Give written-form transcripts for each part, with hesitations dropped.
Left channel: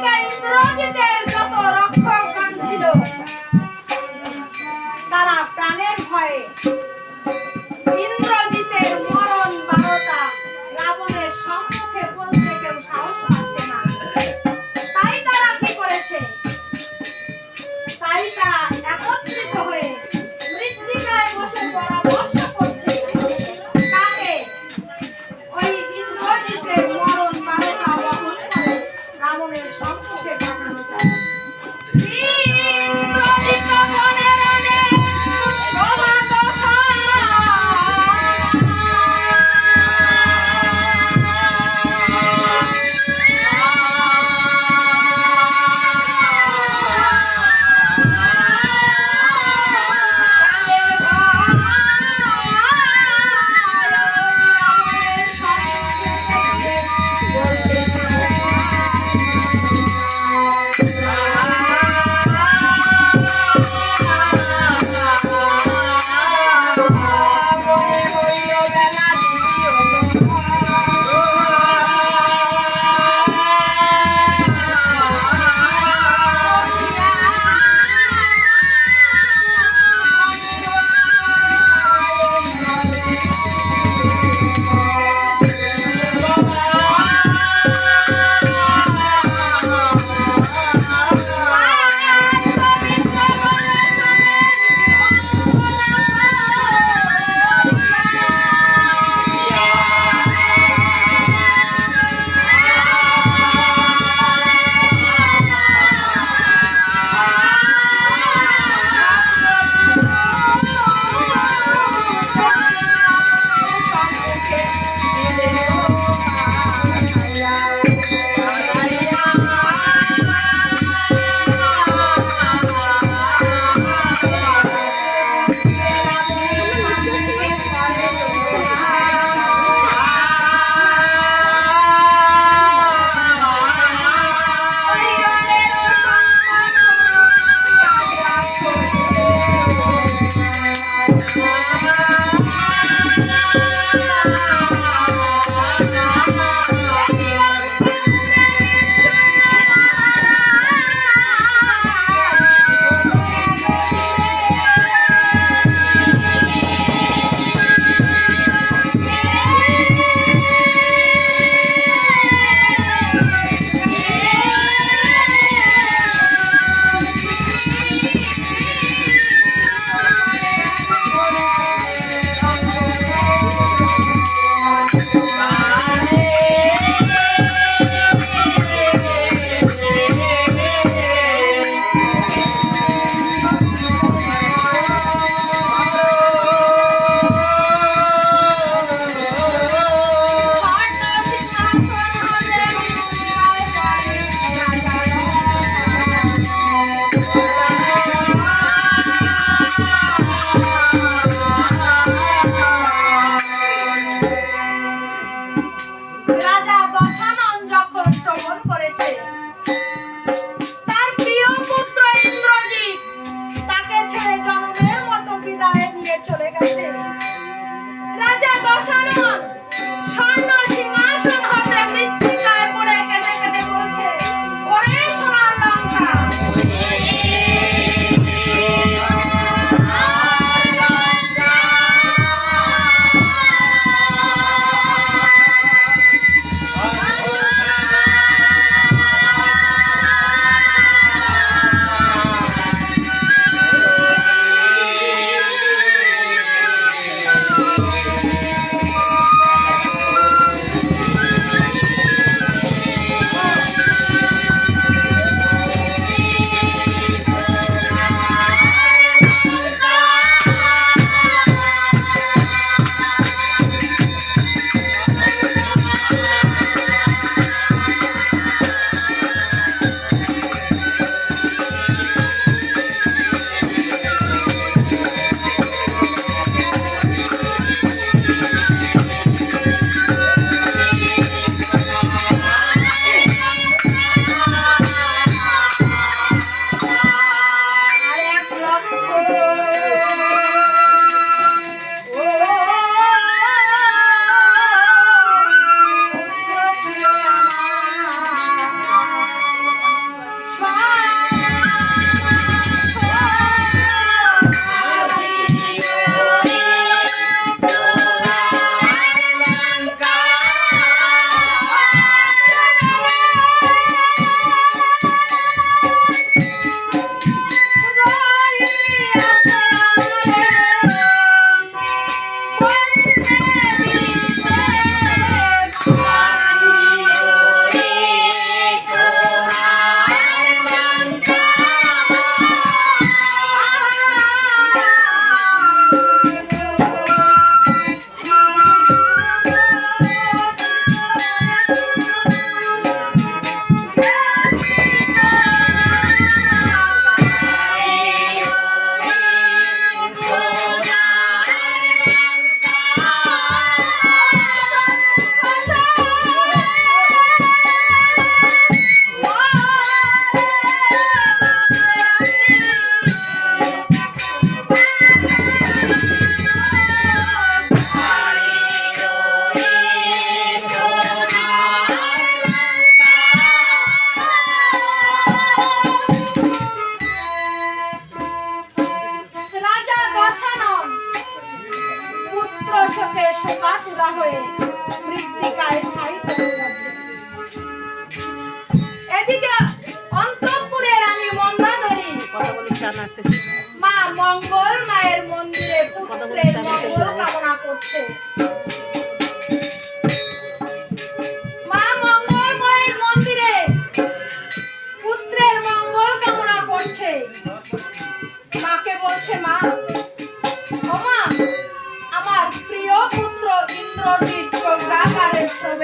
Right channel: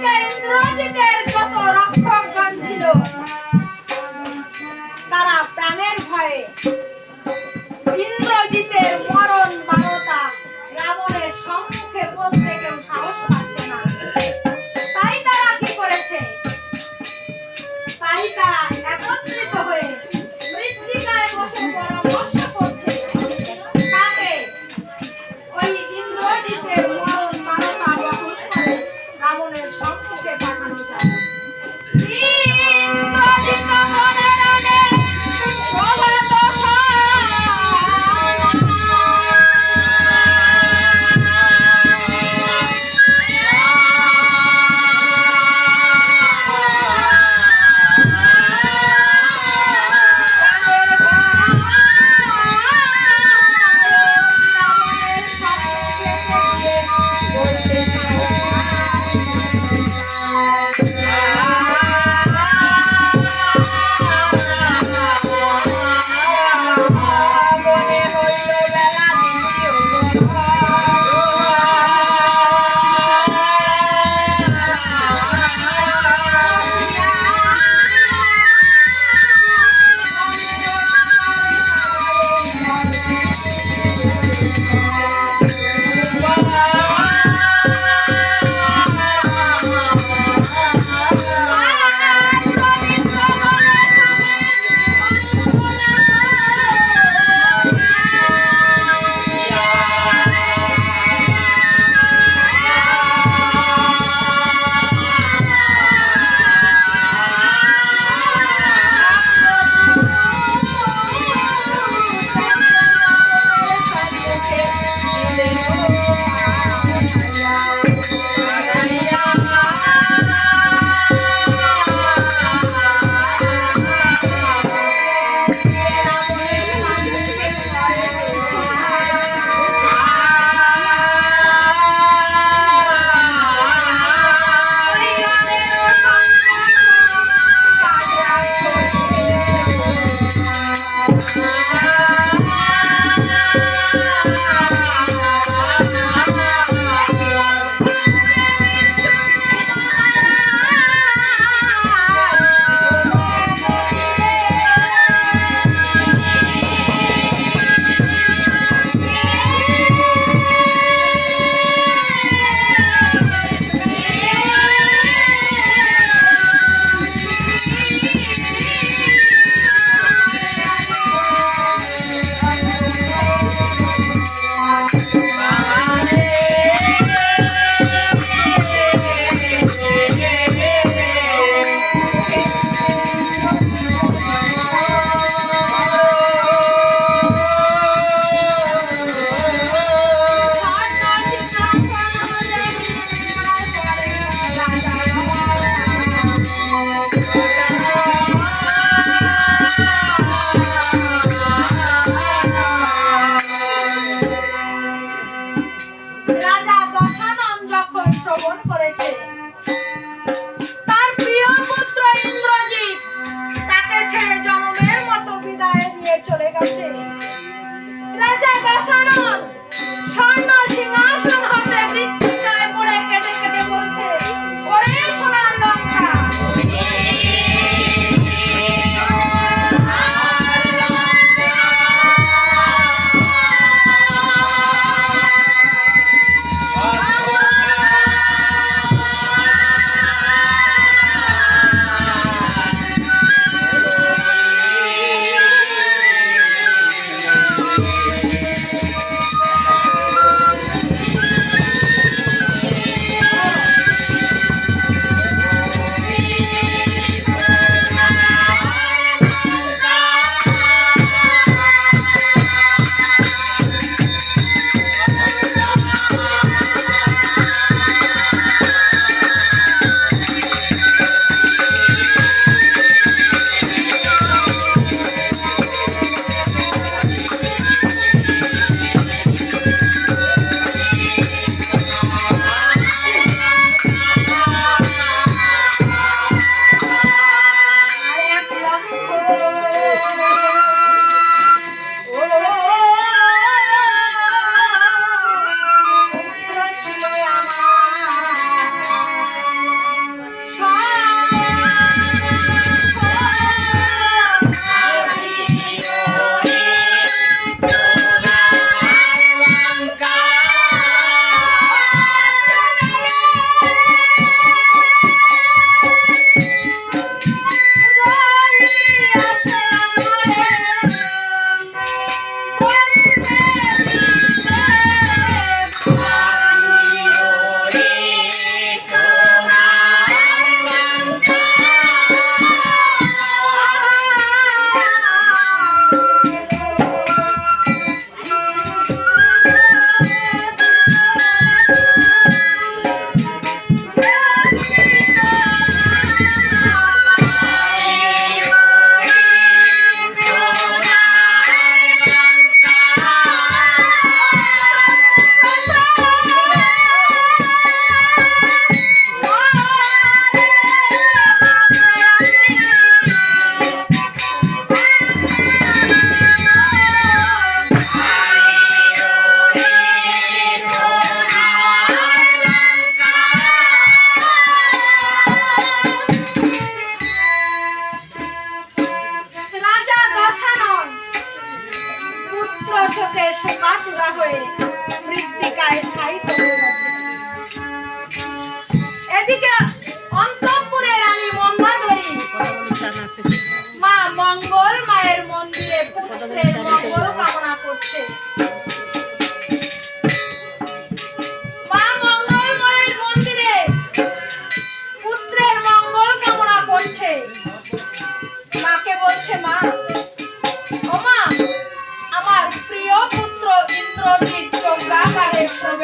এদিকে ইন্দ্রজিতের যত রক্ষকগণ ছিল তারা প্রাণের ভয়ে ইন্দ্রজিতের মরণ বারতা রাবণের সম্মুখে বলতে কেউ সাহস পাচ্ছে না। তাই তারা কি করেছে? তাই তারা একত্রিত হয়ে মৃত্তিকায় বসে পরামর্শ করছে তাকে ওই ইন্দ্রজিতের মরণ বারতা বহন করে রাবণের সম্মুখে পাঠানো যায়। ইন্দ্রজিৎ মনের অনেক প্রভাত বলতে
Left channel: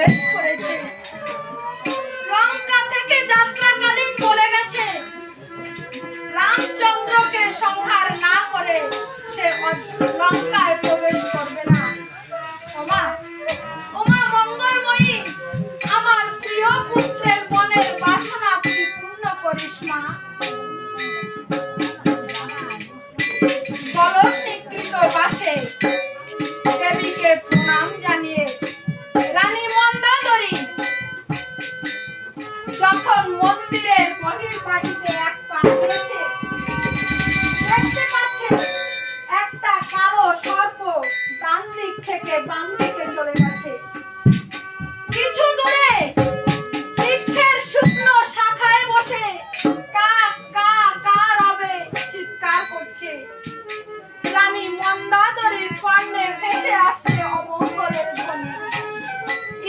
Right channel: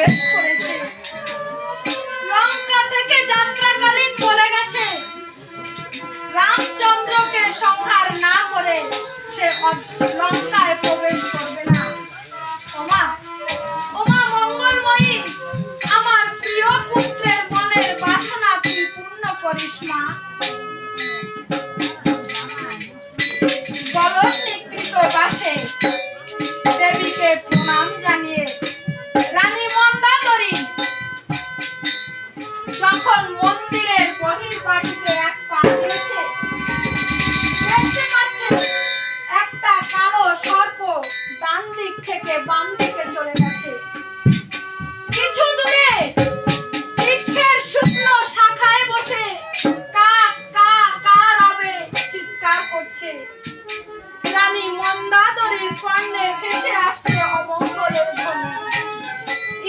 প্রবেশ করেছে। লঙ্কা থেকে যাত্রাকালীন বলে গেছে, রামচন্দ্রকে সংহার না করে সে লঙ্কায় প্রবেশ করবে না। ওমা ওমা মঙ্গলময়ী, আমার প্রিয় পুত্রের মনের বাসনা তুই পূর্ণ করিস মা। বলস্বীকৃত বাসে দেবীকে প্রণাম জানিয়ে রানী মন্দাদরী যখন মন্দিরের বহির্বাটিতে এক পা দিয়েছে, দেখতে পাচ্ছে একটা কালো সর্প ডান দিক থেকে বাম দিকে চলে গেছে। কিছু দূরে বৃক্ষের শুকনো শাখায় বসে কা কা কা রবে চিৎকার করছে। রানী মন্দাদরীর কর্ণে ভেসে আসছে অমঙ্গলের ধ্বনি।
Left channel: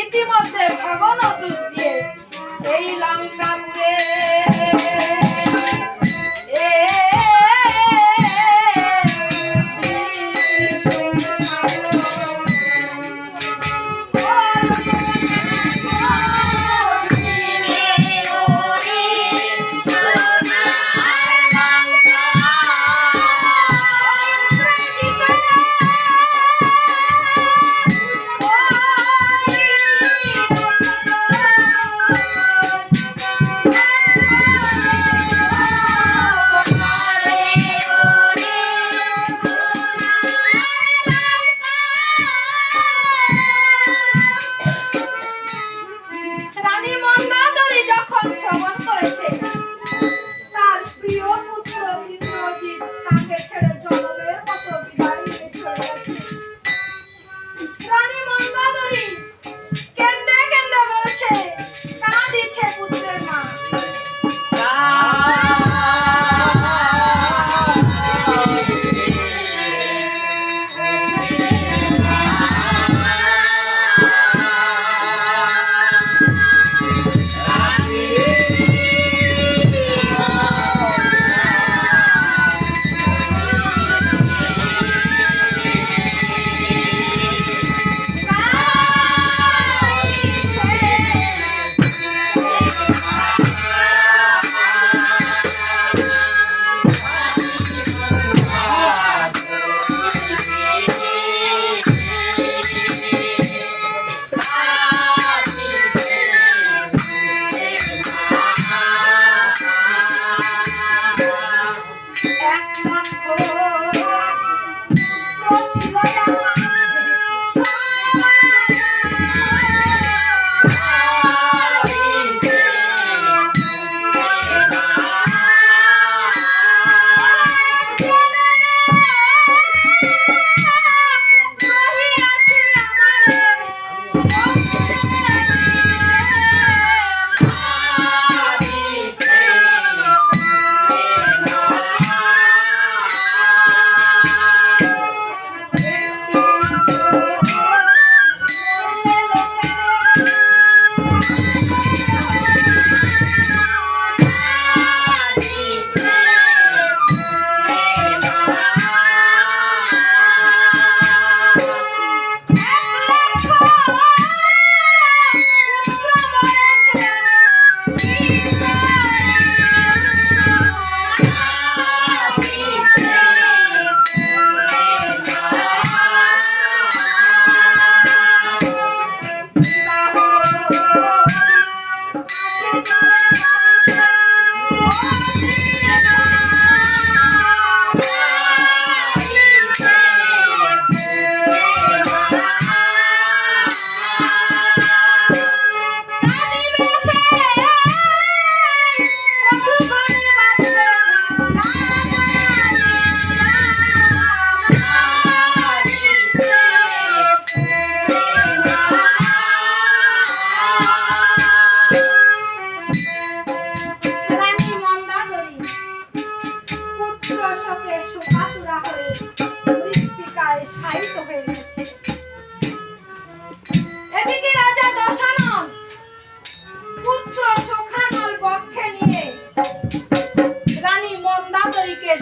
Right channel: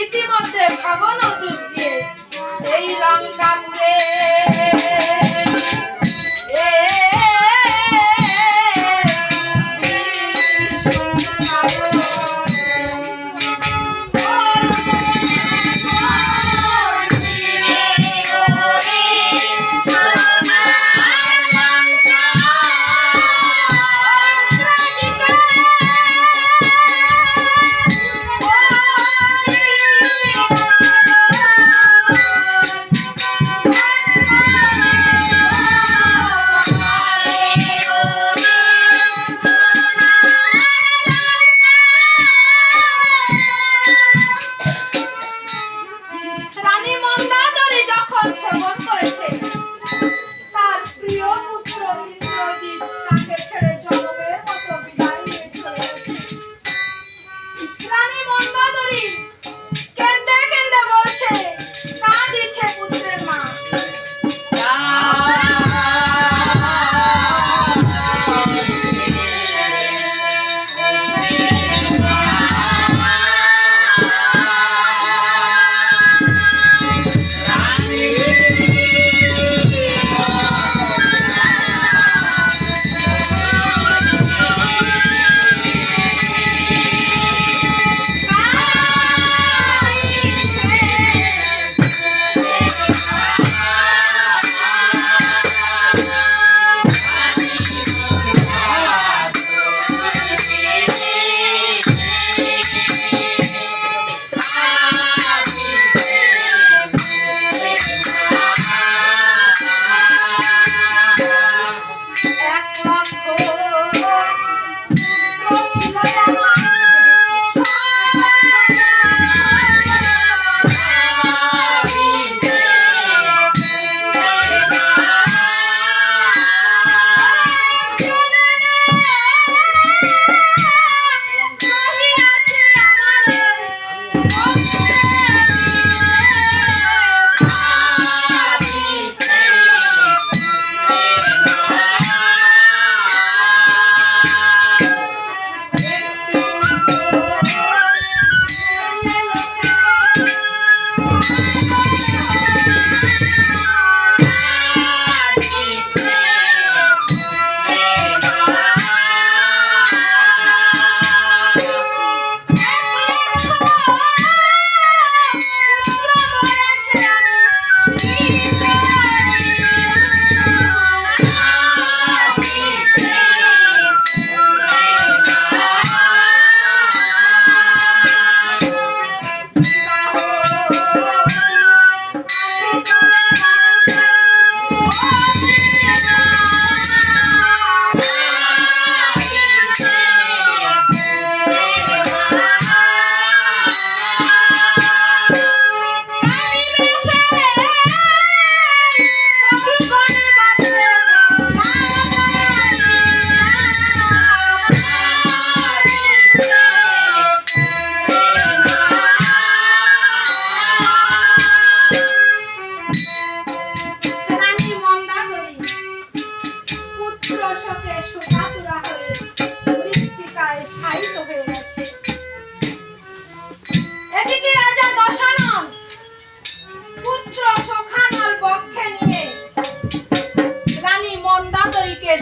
ইতিমধ্যে ভগবান দূত দিয়ে এই লঙ্কাপুরে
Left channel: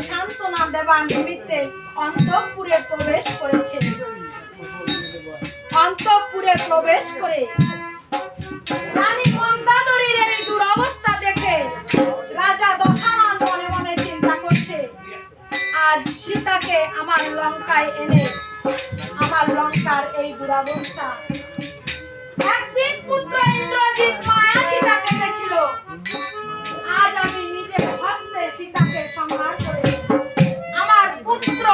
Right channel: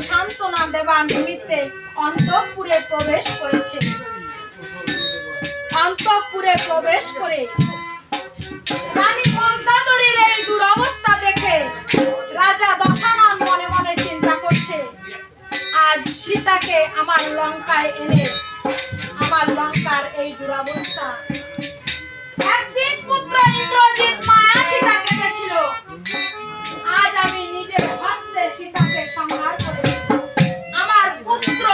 সান্ত্বনা দেবার নিমিত্তে অন্তঃপুরে প্রবেশ করেছে। অন্তঃপুরে প্রবেশ করে সীতাকে আমার লঙ্কায় এনে আমার লঙ্কার এই দুরবস্থা। একদিন পুত্র ইন্দ্রজিৎ মায়া সীতা কেঁদেছিল, আজ আমি নিজের হস্তে সীতাকে সংহার করে আমার পুত্র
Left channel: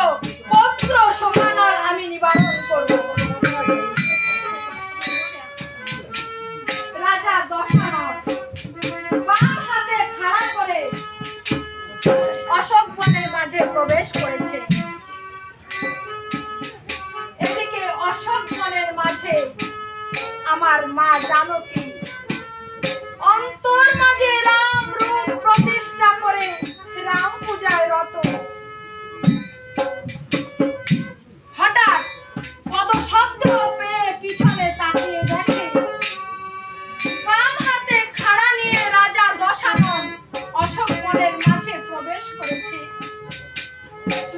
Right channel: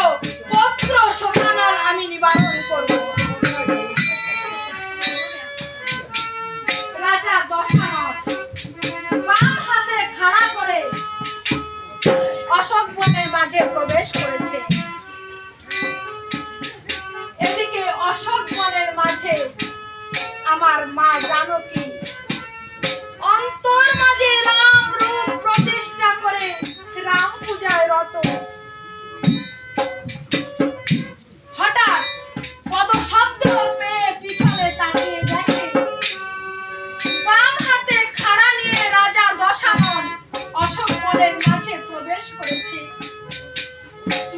পৌত্র সমানল আমি নিবারণ করব। রাজা দশানন বাম হাতে খাড়া করে অশোক বনের মাঝে প্রবেশ করেছে। এদিকে অশোক বনের মাঝে আমার মা জানকী অন্তর মাঝে রাম রূপ প্রতিষ্ঠা করে রাম পূজায় রত। হঠাৎ পদশব্দ পেয়ে পিছনে তাকিয়ে দেখে বাম হাতে খাড়া নিয়ে রাজা দশানন অশোক বনের মাঝে প্রবেশ করেছে।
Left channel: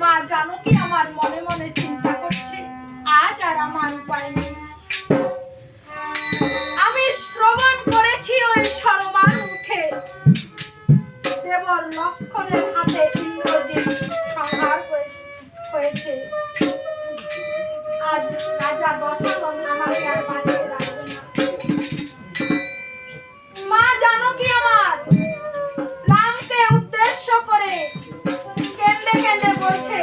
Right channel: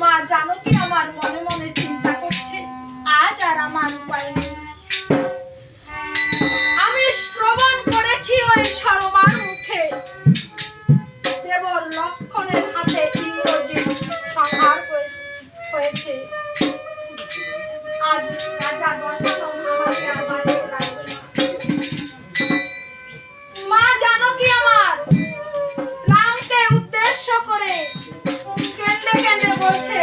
মা জানকী আমার মনে মনে চিন্তা করছে, আজ আর আমার উপায় নেই। আমি শ্রবণ করেছি ওই সরমার মুখে দেবর লক্ষণের হাতে ইন্দ্রজিৎ সংহার হয়েছে। আজ রাজা দশানন আমাকে আর বাঁচিয়ে রাখবে না। মা জানকী আমার রামকে উদ্দেশ্য করে কেঁদে কেঁদে বলছে,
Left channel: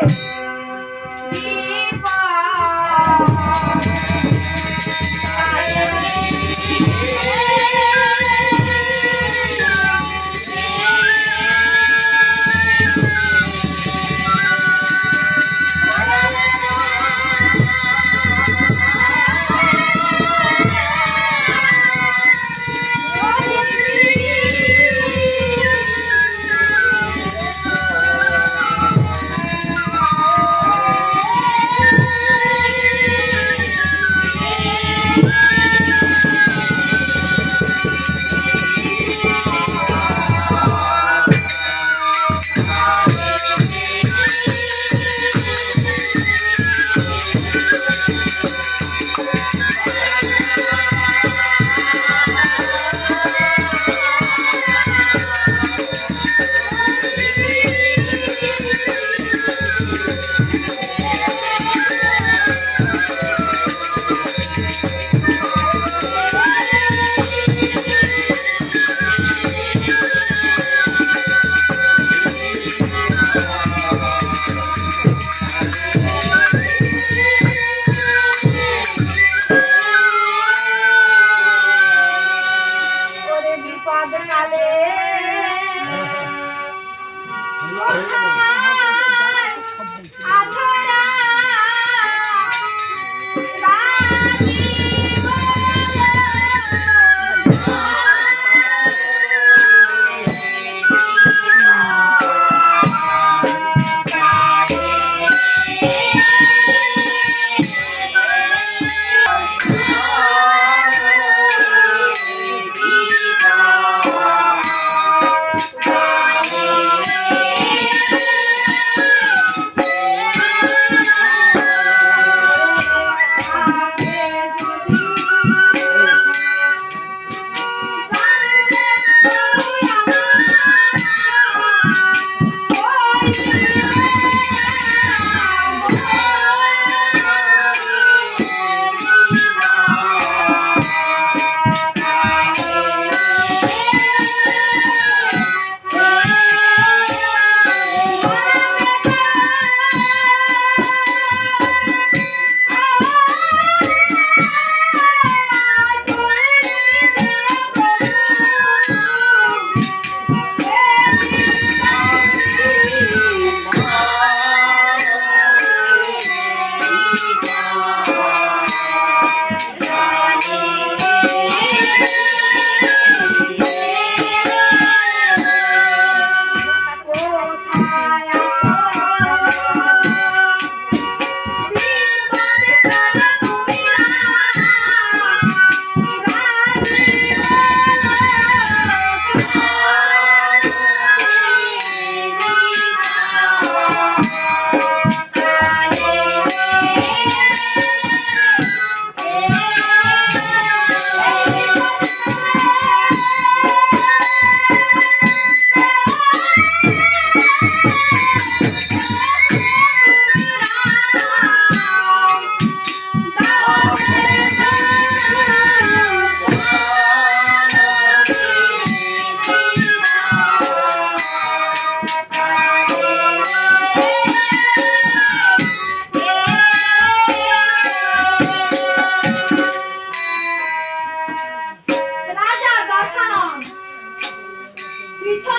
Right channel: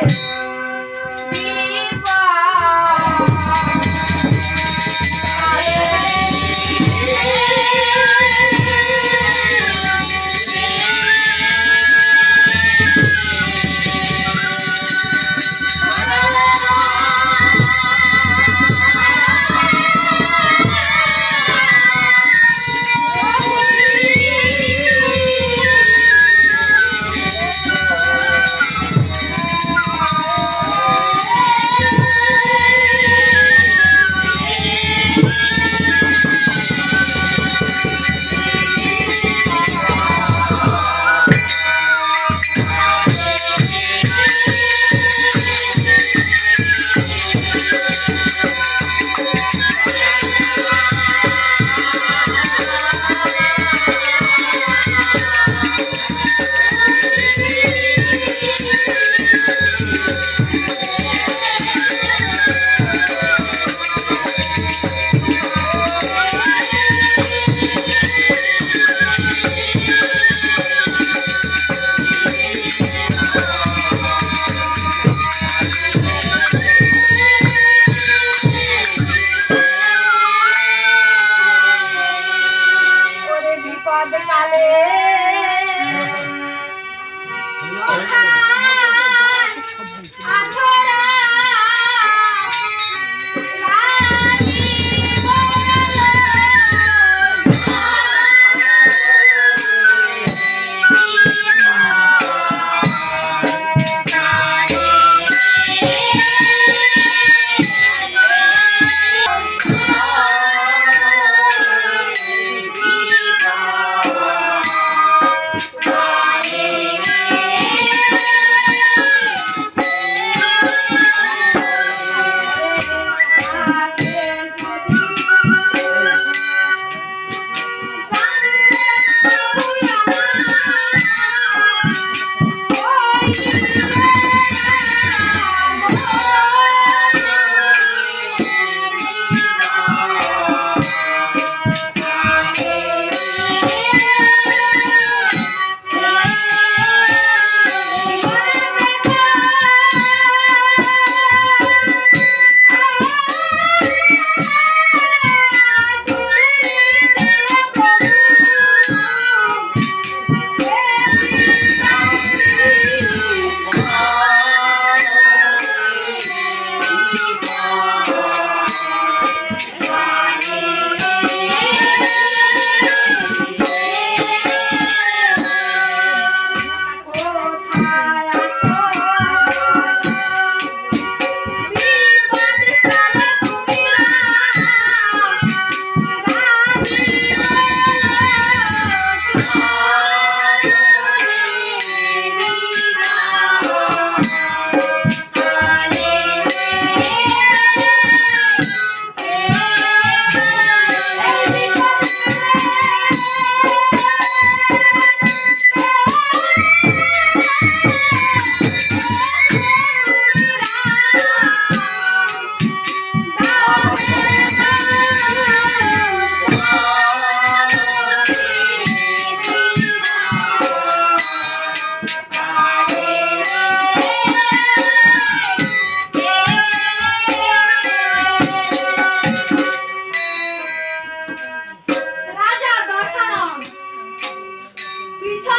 বিপদ কালে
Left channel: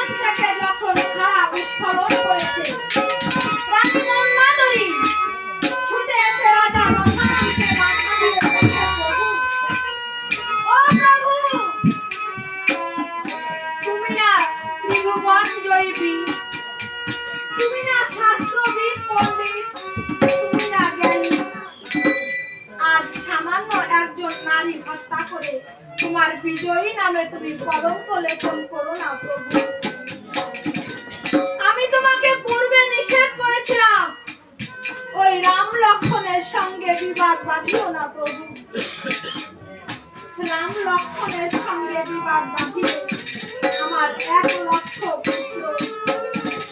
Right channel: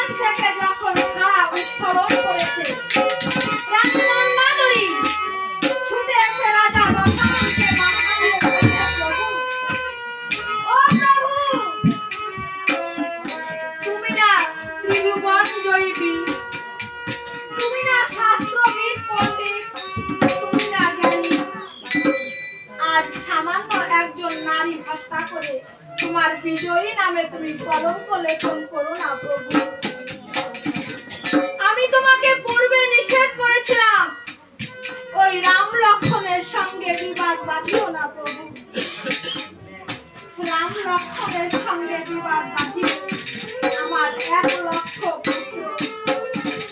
সেখান থেকে যখন খাড়া উত্তোলন করেছে, রানী মন্দাদরী ছুটে এসে রাজা দশাননকে মাথা দিয়ে বলছে, প্রভু, ও প্রভু, তুমি না ত্রিভুবন জয়ী বীর, তুমি না শাস্ত্রবিদ পণ্ডিত, তুমি না জ্ঞানী, আজ সামান্য একজন নারী হত্যা করে তোমার বিজয়ী নামে তুমি কলঙ্ক লেখন করো না প্রভু। আমি তোমাকে পূর্বে নিষেধ করেছিলাম ওই রাম লক্ষ্মণের সঙ্গে বিবাদ বাঁধিও না প্রভু। রাম লক্ষ্মণের সঙ্গে বিবাদ বাঁধিয়ে আমার 1,00,000 পুত্র,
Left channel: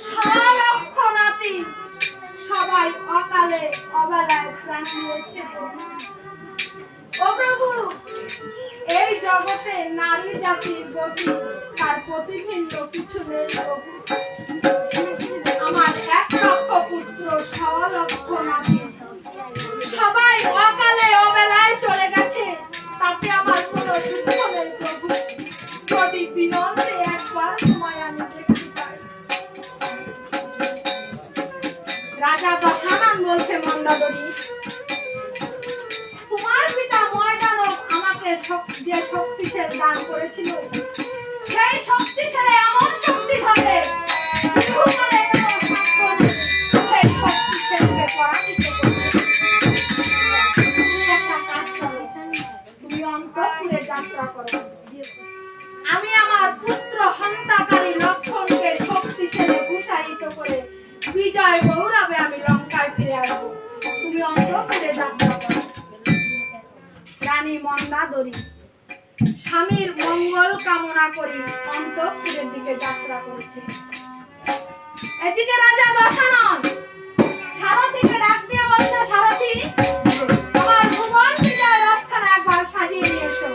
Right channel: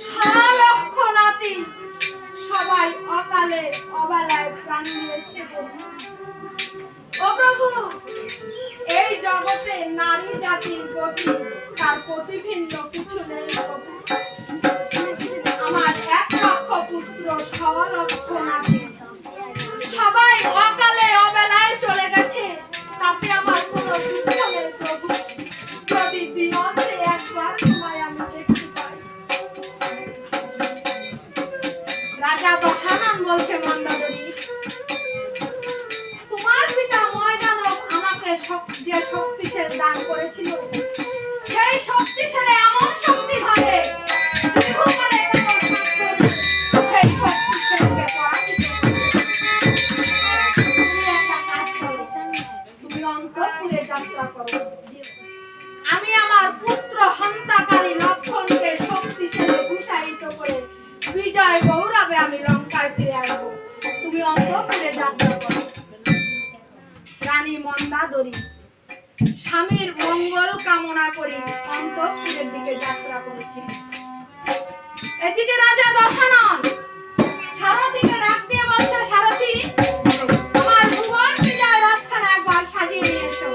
6,00,000 নাতি সবাই অকালে অবেলায় প্রাণ দিয়েছে প্রভু। ও প্রভু, এই জগতে নারী জাতির গতি তার প্রতিভিন্ন কিছু নেই প্রভু। আমার 1,00,000 পুত্র, 6,00,000 নাতি সবাই অকালে অবেলায় চলে গেছে, তাতে আমার কোনো দুঃখ নেই প্রভু। যদি দিনন্তে একবার তোমায় আমি দেখতে পাই। রাজা দশানন বলছে, মন্দাদরী, তোমার পিতা ময়দানব আমাকে যে শক্তিশালী দান করেছিল, সেই শক্তিশালী এমন শক্তি ধরে ইহকালে কোনো শাস্ত্র সেই শক্তিশালীকে পরাজিত করবে। তুমি একটা কাজ করো, তুমি অন্তঃপুরে যাত্রা করো। আমি আমার পুত্র হন্তাকারী লক্ষ্মণকে শক্তিশালী ভূষায়িত করে বিজয় গৌরবে আমি লঙ্কায় ফিরে আসবো। তুমি অন্তঃপুরে যাত্রা করো। রানী মন্দাদরী স্বামীর মঙ্গল কামনা করে অন্তঃপুরের দিকে যাত্রা করেছে। এদিকে রাজা দশানন সারথীকে ডাক দিয়ে বলছে, সারথী, আমার ভুবন বিজয় রথখানা একবার সাজিয়ে নিয়ে এসো।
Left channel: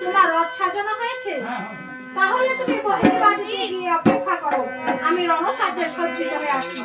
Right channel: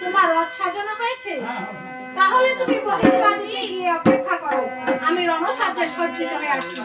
তোমার রথ সাজানো হয়েছে? তাহলে তুমি বহির্বাণীতে গিয়ে অপেক্ষা করো, আমি রণসাজ্যে সজ্জিত হয়ে আসি।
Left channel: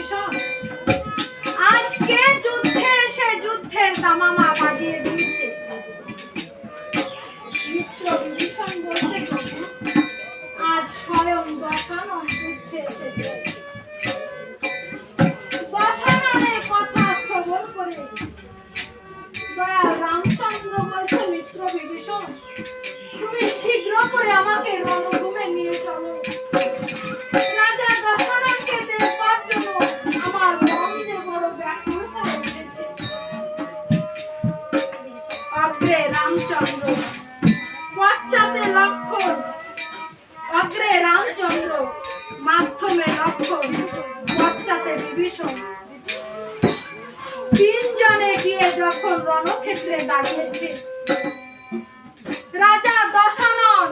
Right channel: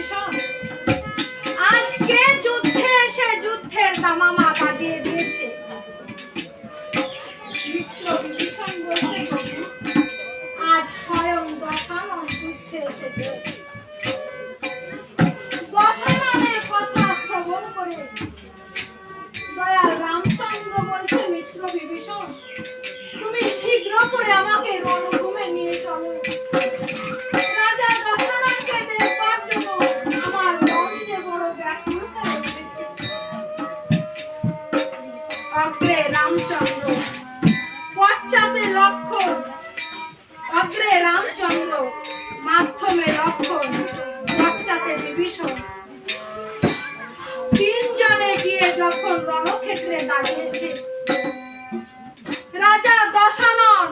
বিভীষণ আজকে যুদ্ধে এসে যুদ্ধের দামামা বাজিয়ে দিয়েছে। মিত্র বিভীষণ বলতে প্রভু আজ স্বয়ং দশানন যুদ্ধে এসেছে। দশাননের কথা শ্রবণ করে দয়াল রামচন্দ্র বলছে মিত্র বিভীষণ তুমি শীঘ্র করে আমাকে রণভূমে নিয়ে চলো। রাজা দশাননকে দেখবার জন্য আমার মন যে বড় ব্যাকুল হয়ে উঠেছে। অগ্রে রামচন্দ্র পশ্চাতে লক্ষণ, অগ্রে রামচন্দ্র মাধ্যমে লক্ষণ পশ্চাতে বিভীষণ তিনজনে গিয়ে যখন রণক্ষেত্রে দাঁড়িয়েছে রাজা দশানন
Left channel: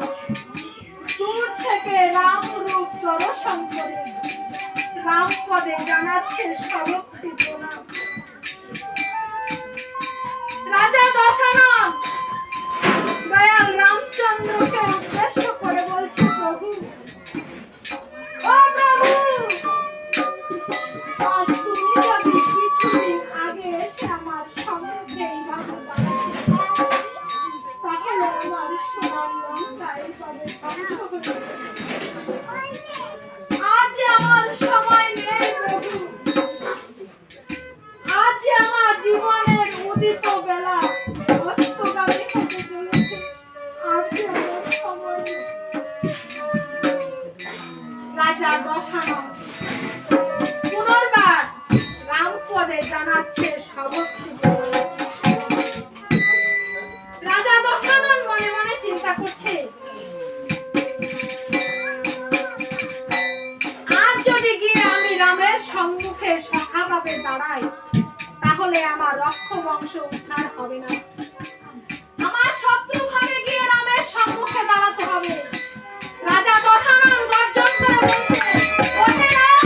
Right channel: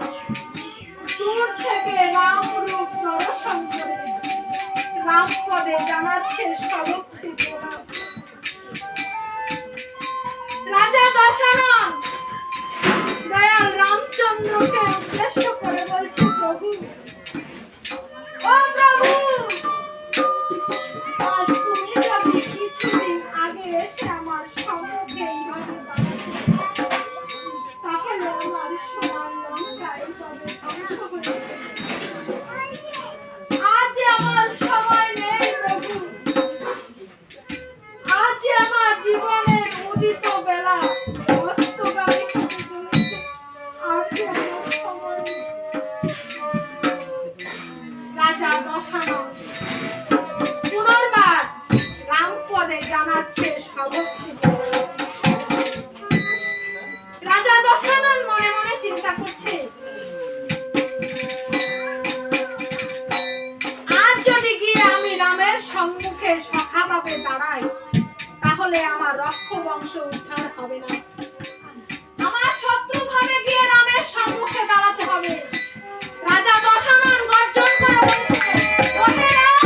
দূর থেকে রাম রূপ দর্শন করে রাম পদে জানাচ্ছে সভক্তি প্রণাম। রাজা দশানন দয়াল রামচন্দ্রকে উদ্দেশ্য করে বলছে প্রভু ও প্রভু আজ তুমি যদি কিছুদিন আগে এসে আমার সম্মুখে এইভাবে দাঁড়াতে তাহলে আমার সোনার লঙ্কা এইভাবে ধ্বংস হয়ে যেত। আজ আমার সময় নেই প্রভু, আজ আমার জীবনের উদিত বেলা অস্তগামী হতে চলেছে। আর যে আমার সময় নেই। রাজা দশানন পুনর্বার রামপদে জানাচ্ছে সভক্তি। রাজা দশানন মনে মনে চিন্তা করছে আজ যদি গিয়ে আমি রামের সম্মুখে সখাভাবে দাঁড়াই তাহলে আমার রক্ষ বংশ উদ্ধার হবে না, আমার শত্রু ভাবে গিয়ে রামের সম্মুখে দাঁড়াতে হবে। রাজা দশানন গর্জন করে বলছে ওহে রাম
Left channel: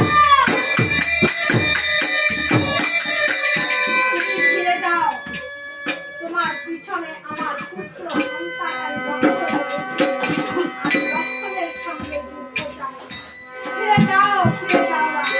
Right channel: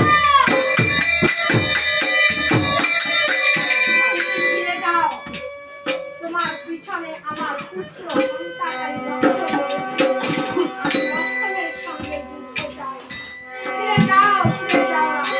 তুমি ফিরে যাও, তোমার পিছনে আমার পুত্র হন্তাকারী লক্ষ্মণ রয়েছে। আমি লক্ষ্মণের সঙ্গে যুদ্ধ চাই, ফিরে যাও, ফিরে যাও রাম।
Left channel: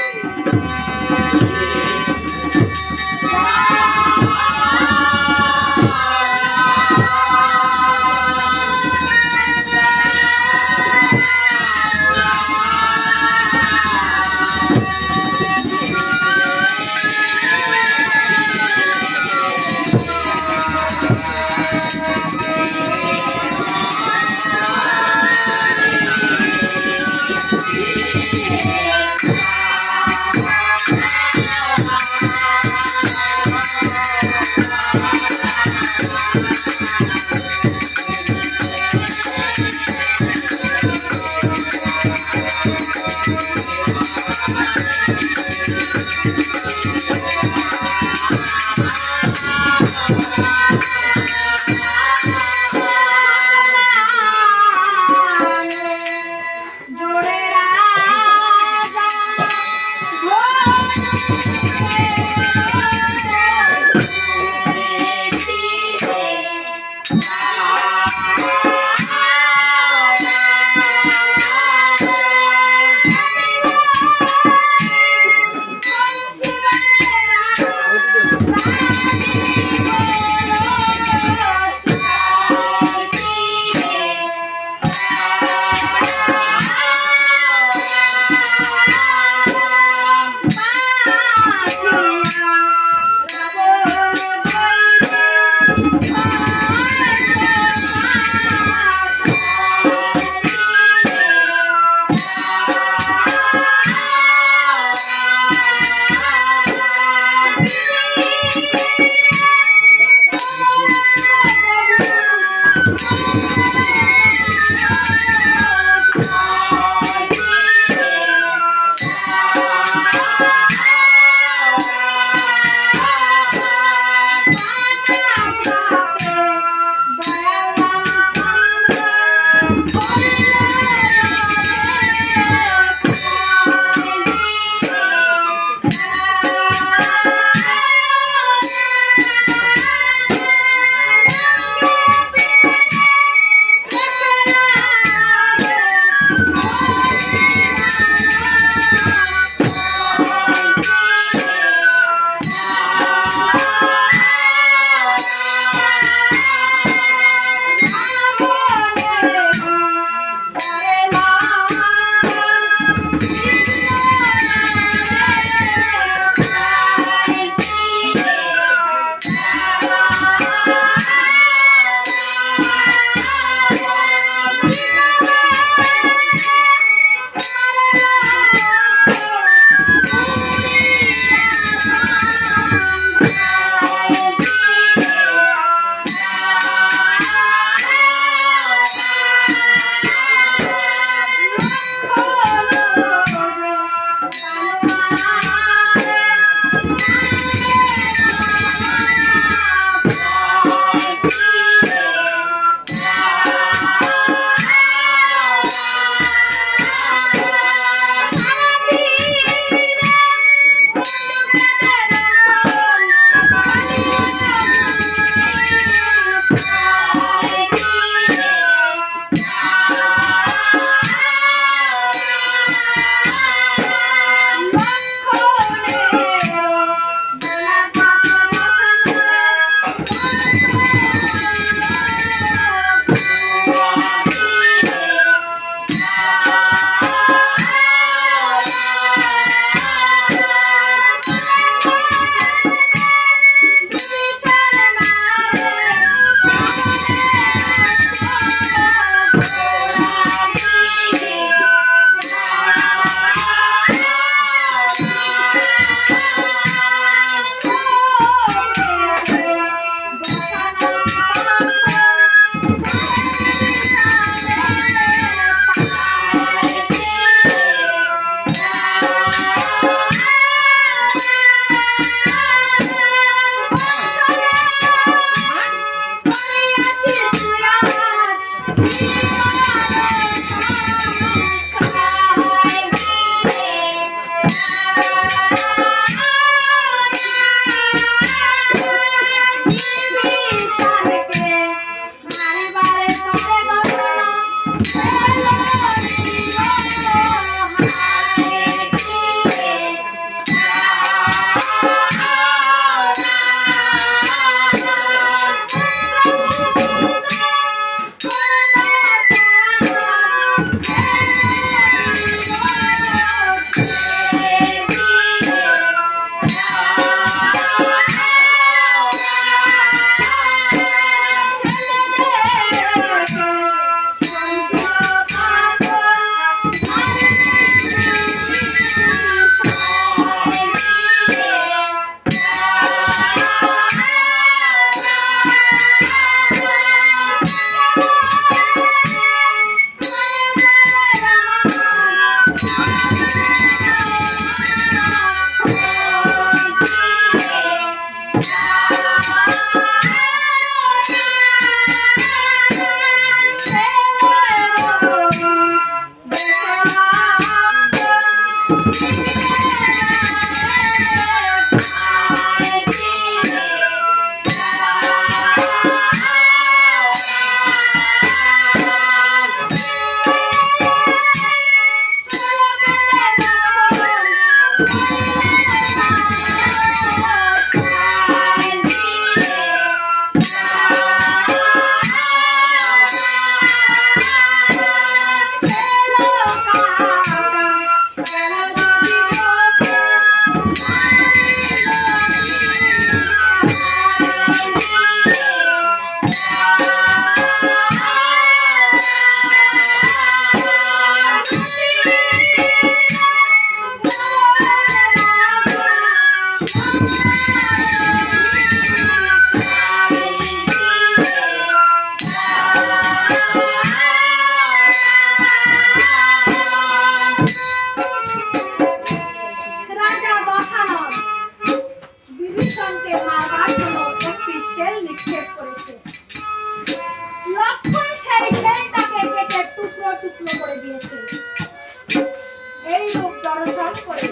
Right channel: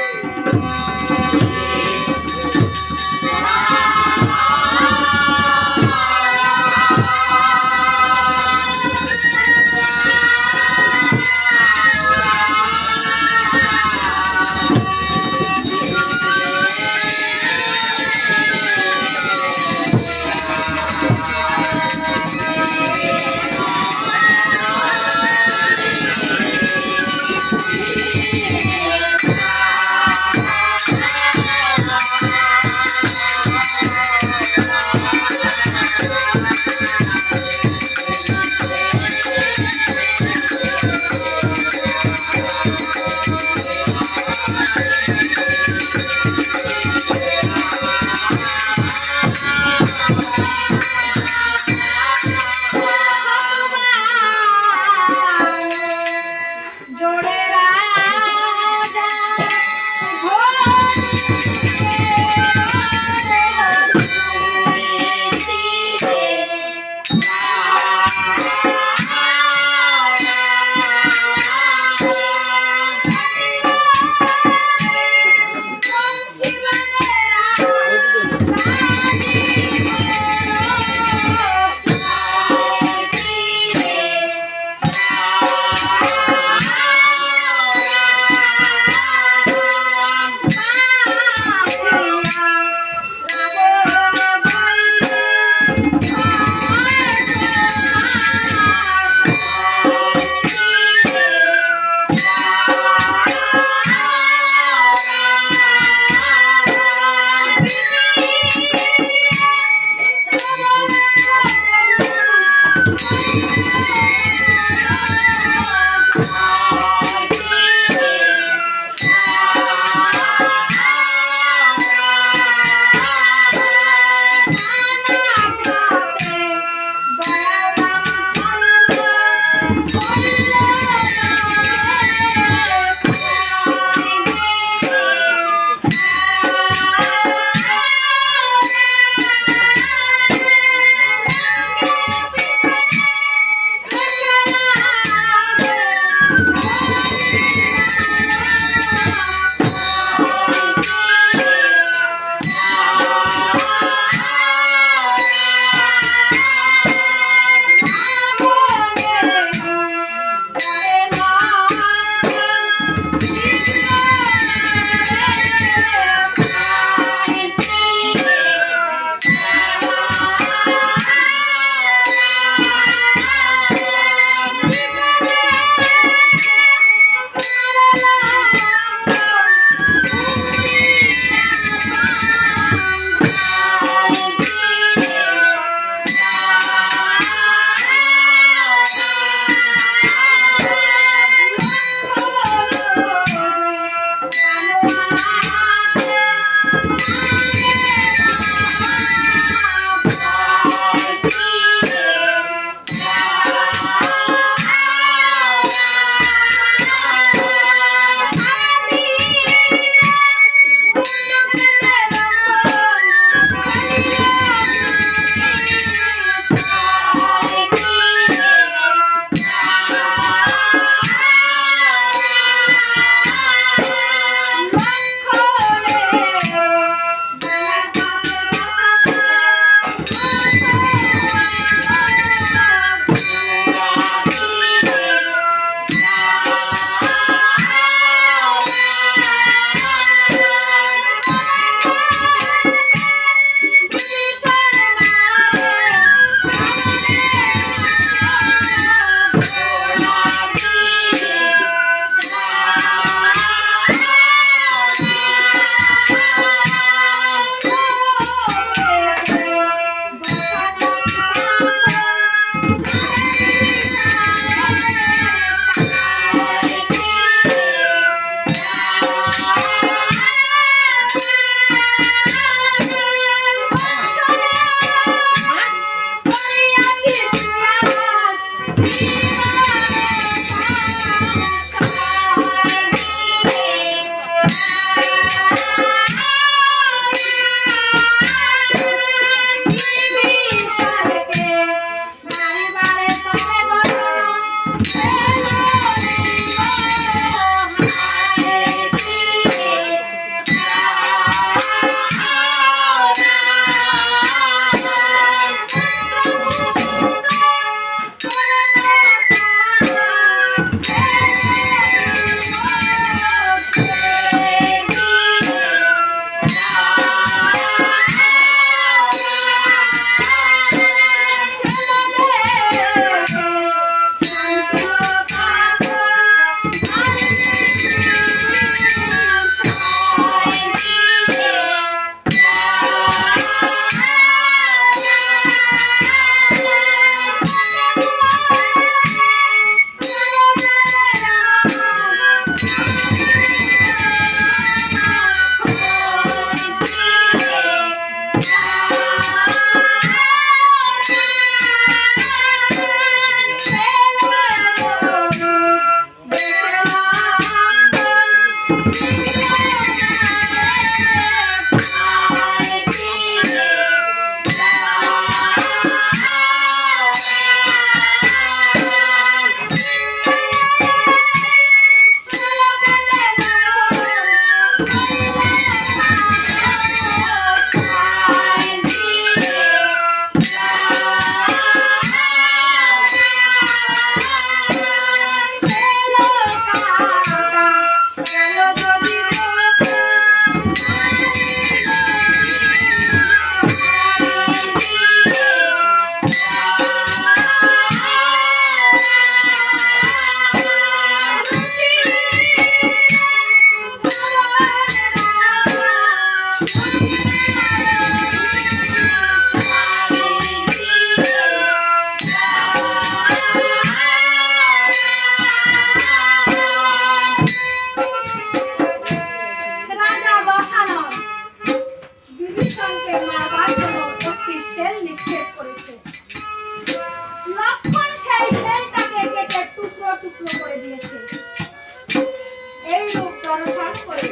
রাজা দশানন বিভীষণকে মারবার জন্য একটি শেল নিক্ষেপ করেছে। লক্ষ্মণ সেই শেলটাকে কেটে টুকরো টুকরো করে দিয়েছে। এই রূপ দর্শন করে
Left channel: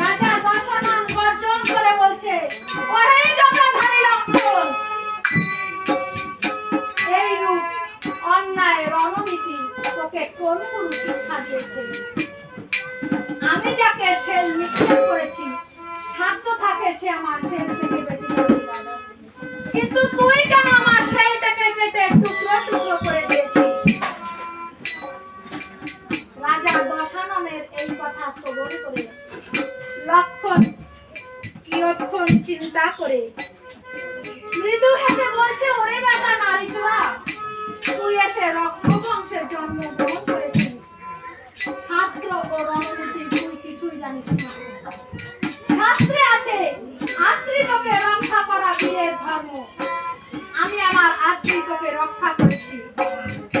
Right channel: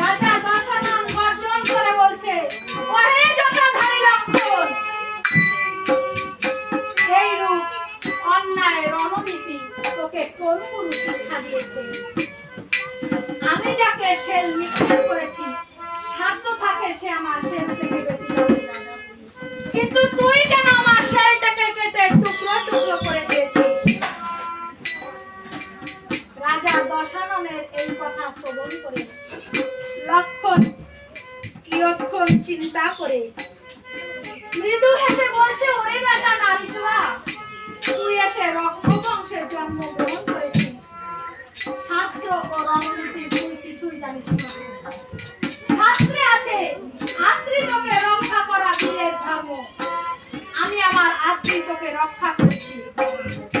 রাজা দশানন গর্জন করে বলছে, ওরে জটাধারী লক্ষ্মণ, এই রূপ অন্যায় রণনীতি তোকে কোন গুরু শিক্ষা দিয়েছে? আমি যাকে শেল নিক্ষেপ করেছি সাধ্য থাকে সে আমার শেল থেকে বেঁচে যাবে, কিন্তু তুই কেন আমার শেলটাকে কেটে টুকরো টুকরো করে দিয়েছিস? রাজা দশাননের এই কথা শ্রবণ করে লক্ষ্মণ কিয়ৎক্ষণ চিন্তা করে মৃদু হেসে বলছে, ওরে বেটা নারী চোরা, তুই এসে রক্ষবংশের জন্মগ্রহণ করেছিস, শাস্ত্র ও রণনীতি তুই কিছুই জানিস না। শাস্ত্রে আছে আশ্রিতকে রক্ষা করা বীরের ধর্ম। আমি আমার আশ্রিতকে রক্ষা করেছি।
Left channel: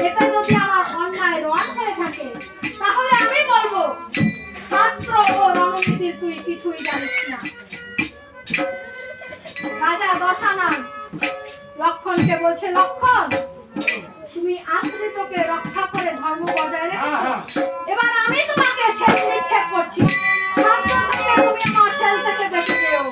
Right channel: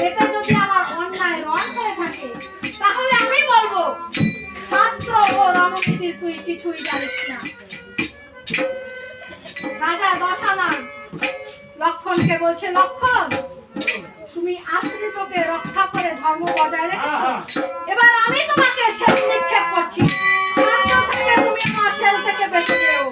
এটা যদি আমার অন্যায় রণ হয়ে থাকে তাহলে আমি বলবো শাস্ত্র ও রণনীতি তুই কিছুই জানিস না। রাজা দশানন লক্ষ্মণকে বলছে, লক্ষ্মণ, তুমি আশ্রিতকে রক্ষা করে ধর্ম বজায় রেখেছো, এবার আমি তোমাকে শেল নিক্ষেপ করছি, সাধ্য থেকে তুমি আমার শেল থেকে বেঁচে যেও।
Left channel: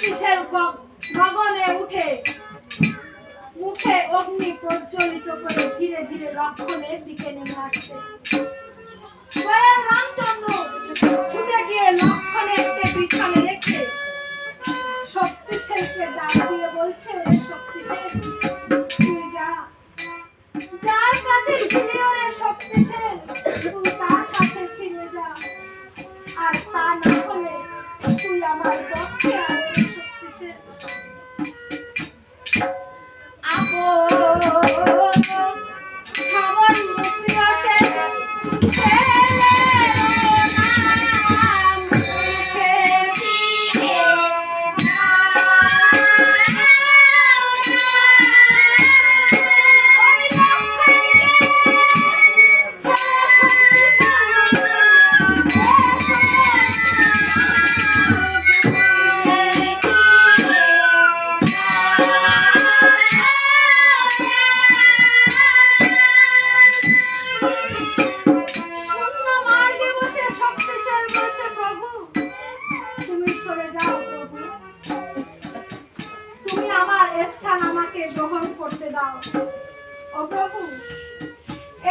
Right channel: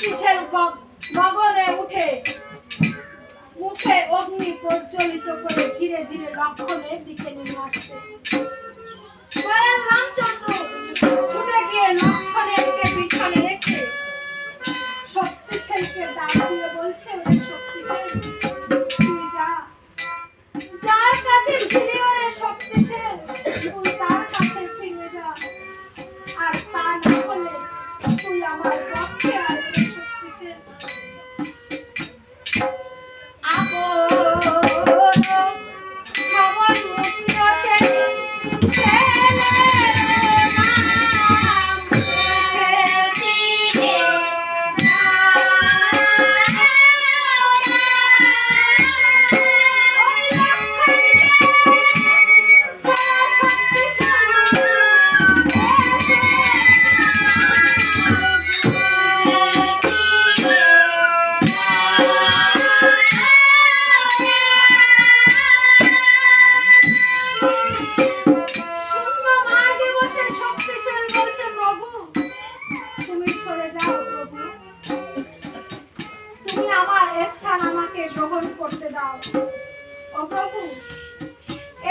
শক্তিশাল গগনে উঠে মুখে অগ্নি প্রজ্বলিত করে ধীরে ধীরে লক্ষণের দিকে নেমে আসছে। দয়াল রামচন্দ্র ছুটে গিয়ে লক্ষণেরকে পিছনে রেখে শক্তিশালকে ডাক দিয়ে বলছে, ওরে শক্তিশাল, তুই যা, যার কাছে ছিলি ওরে শক্তিশাল, তুই তার কাছে ফিরে যা, আর তা না হলে তুই আমার পক্ষে আর শক্তিশাল।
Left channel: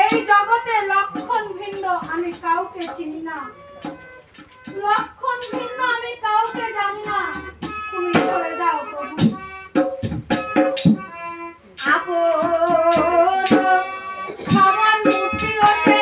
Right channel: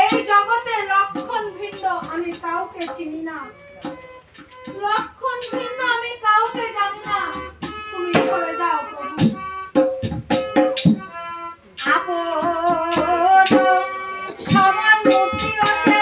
এই জগতে লক্ষণ ভিন্ন আমি কাউকে চিনি না, লক্ষণ ভিন্ন আমি কাউকে জানি না, তুমি সরে যাও প্রভু। সমান মূর্তি বসে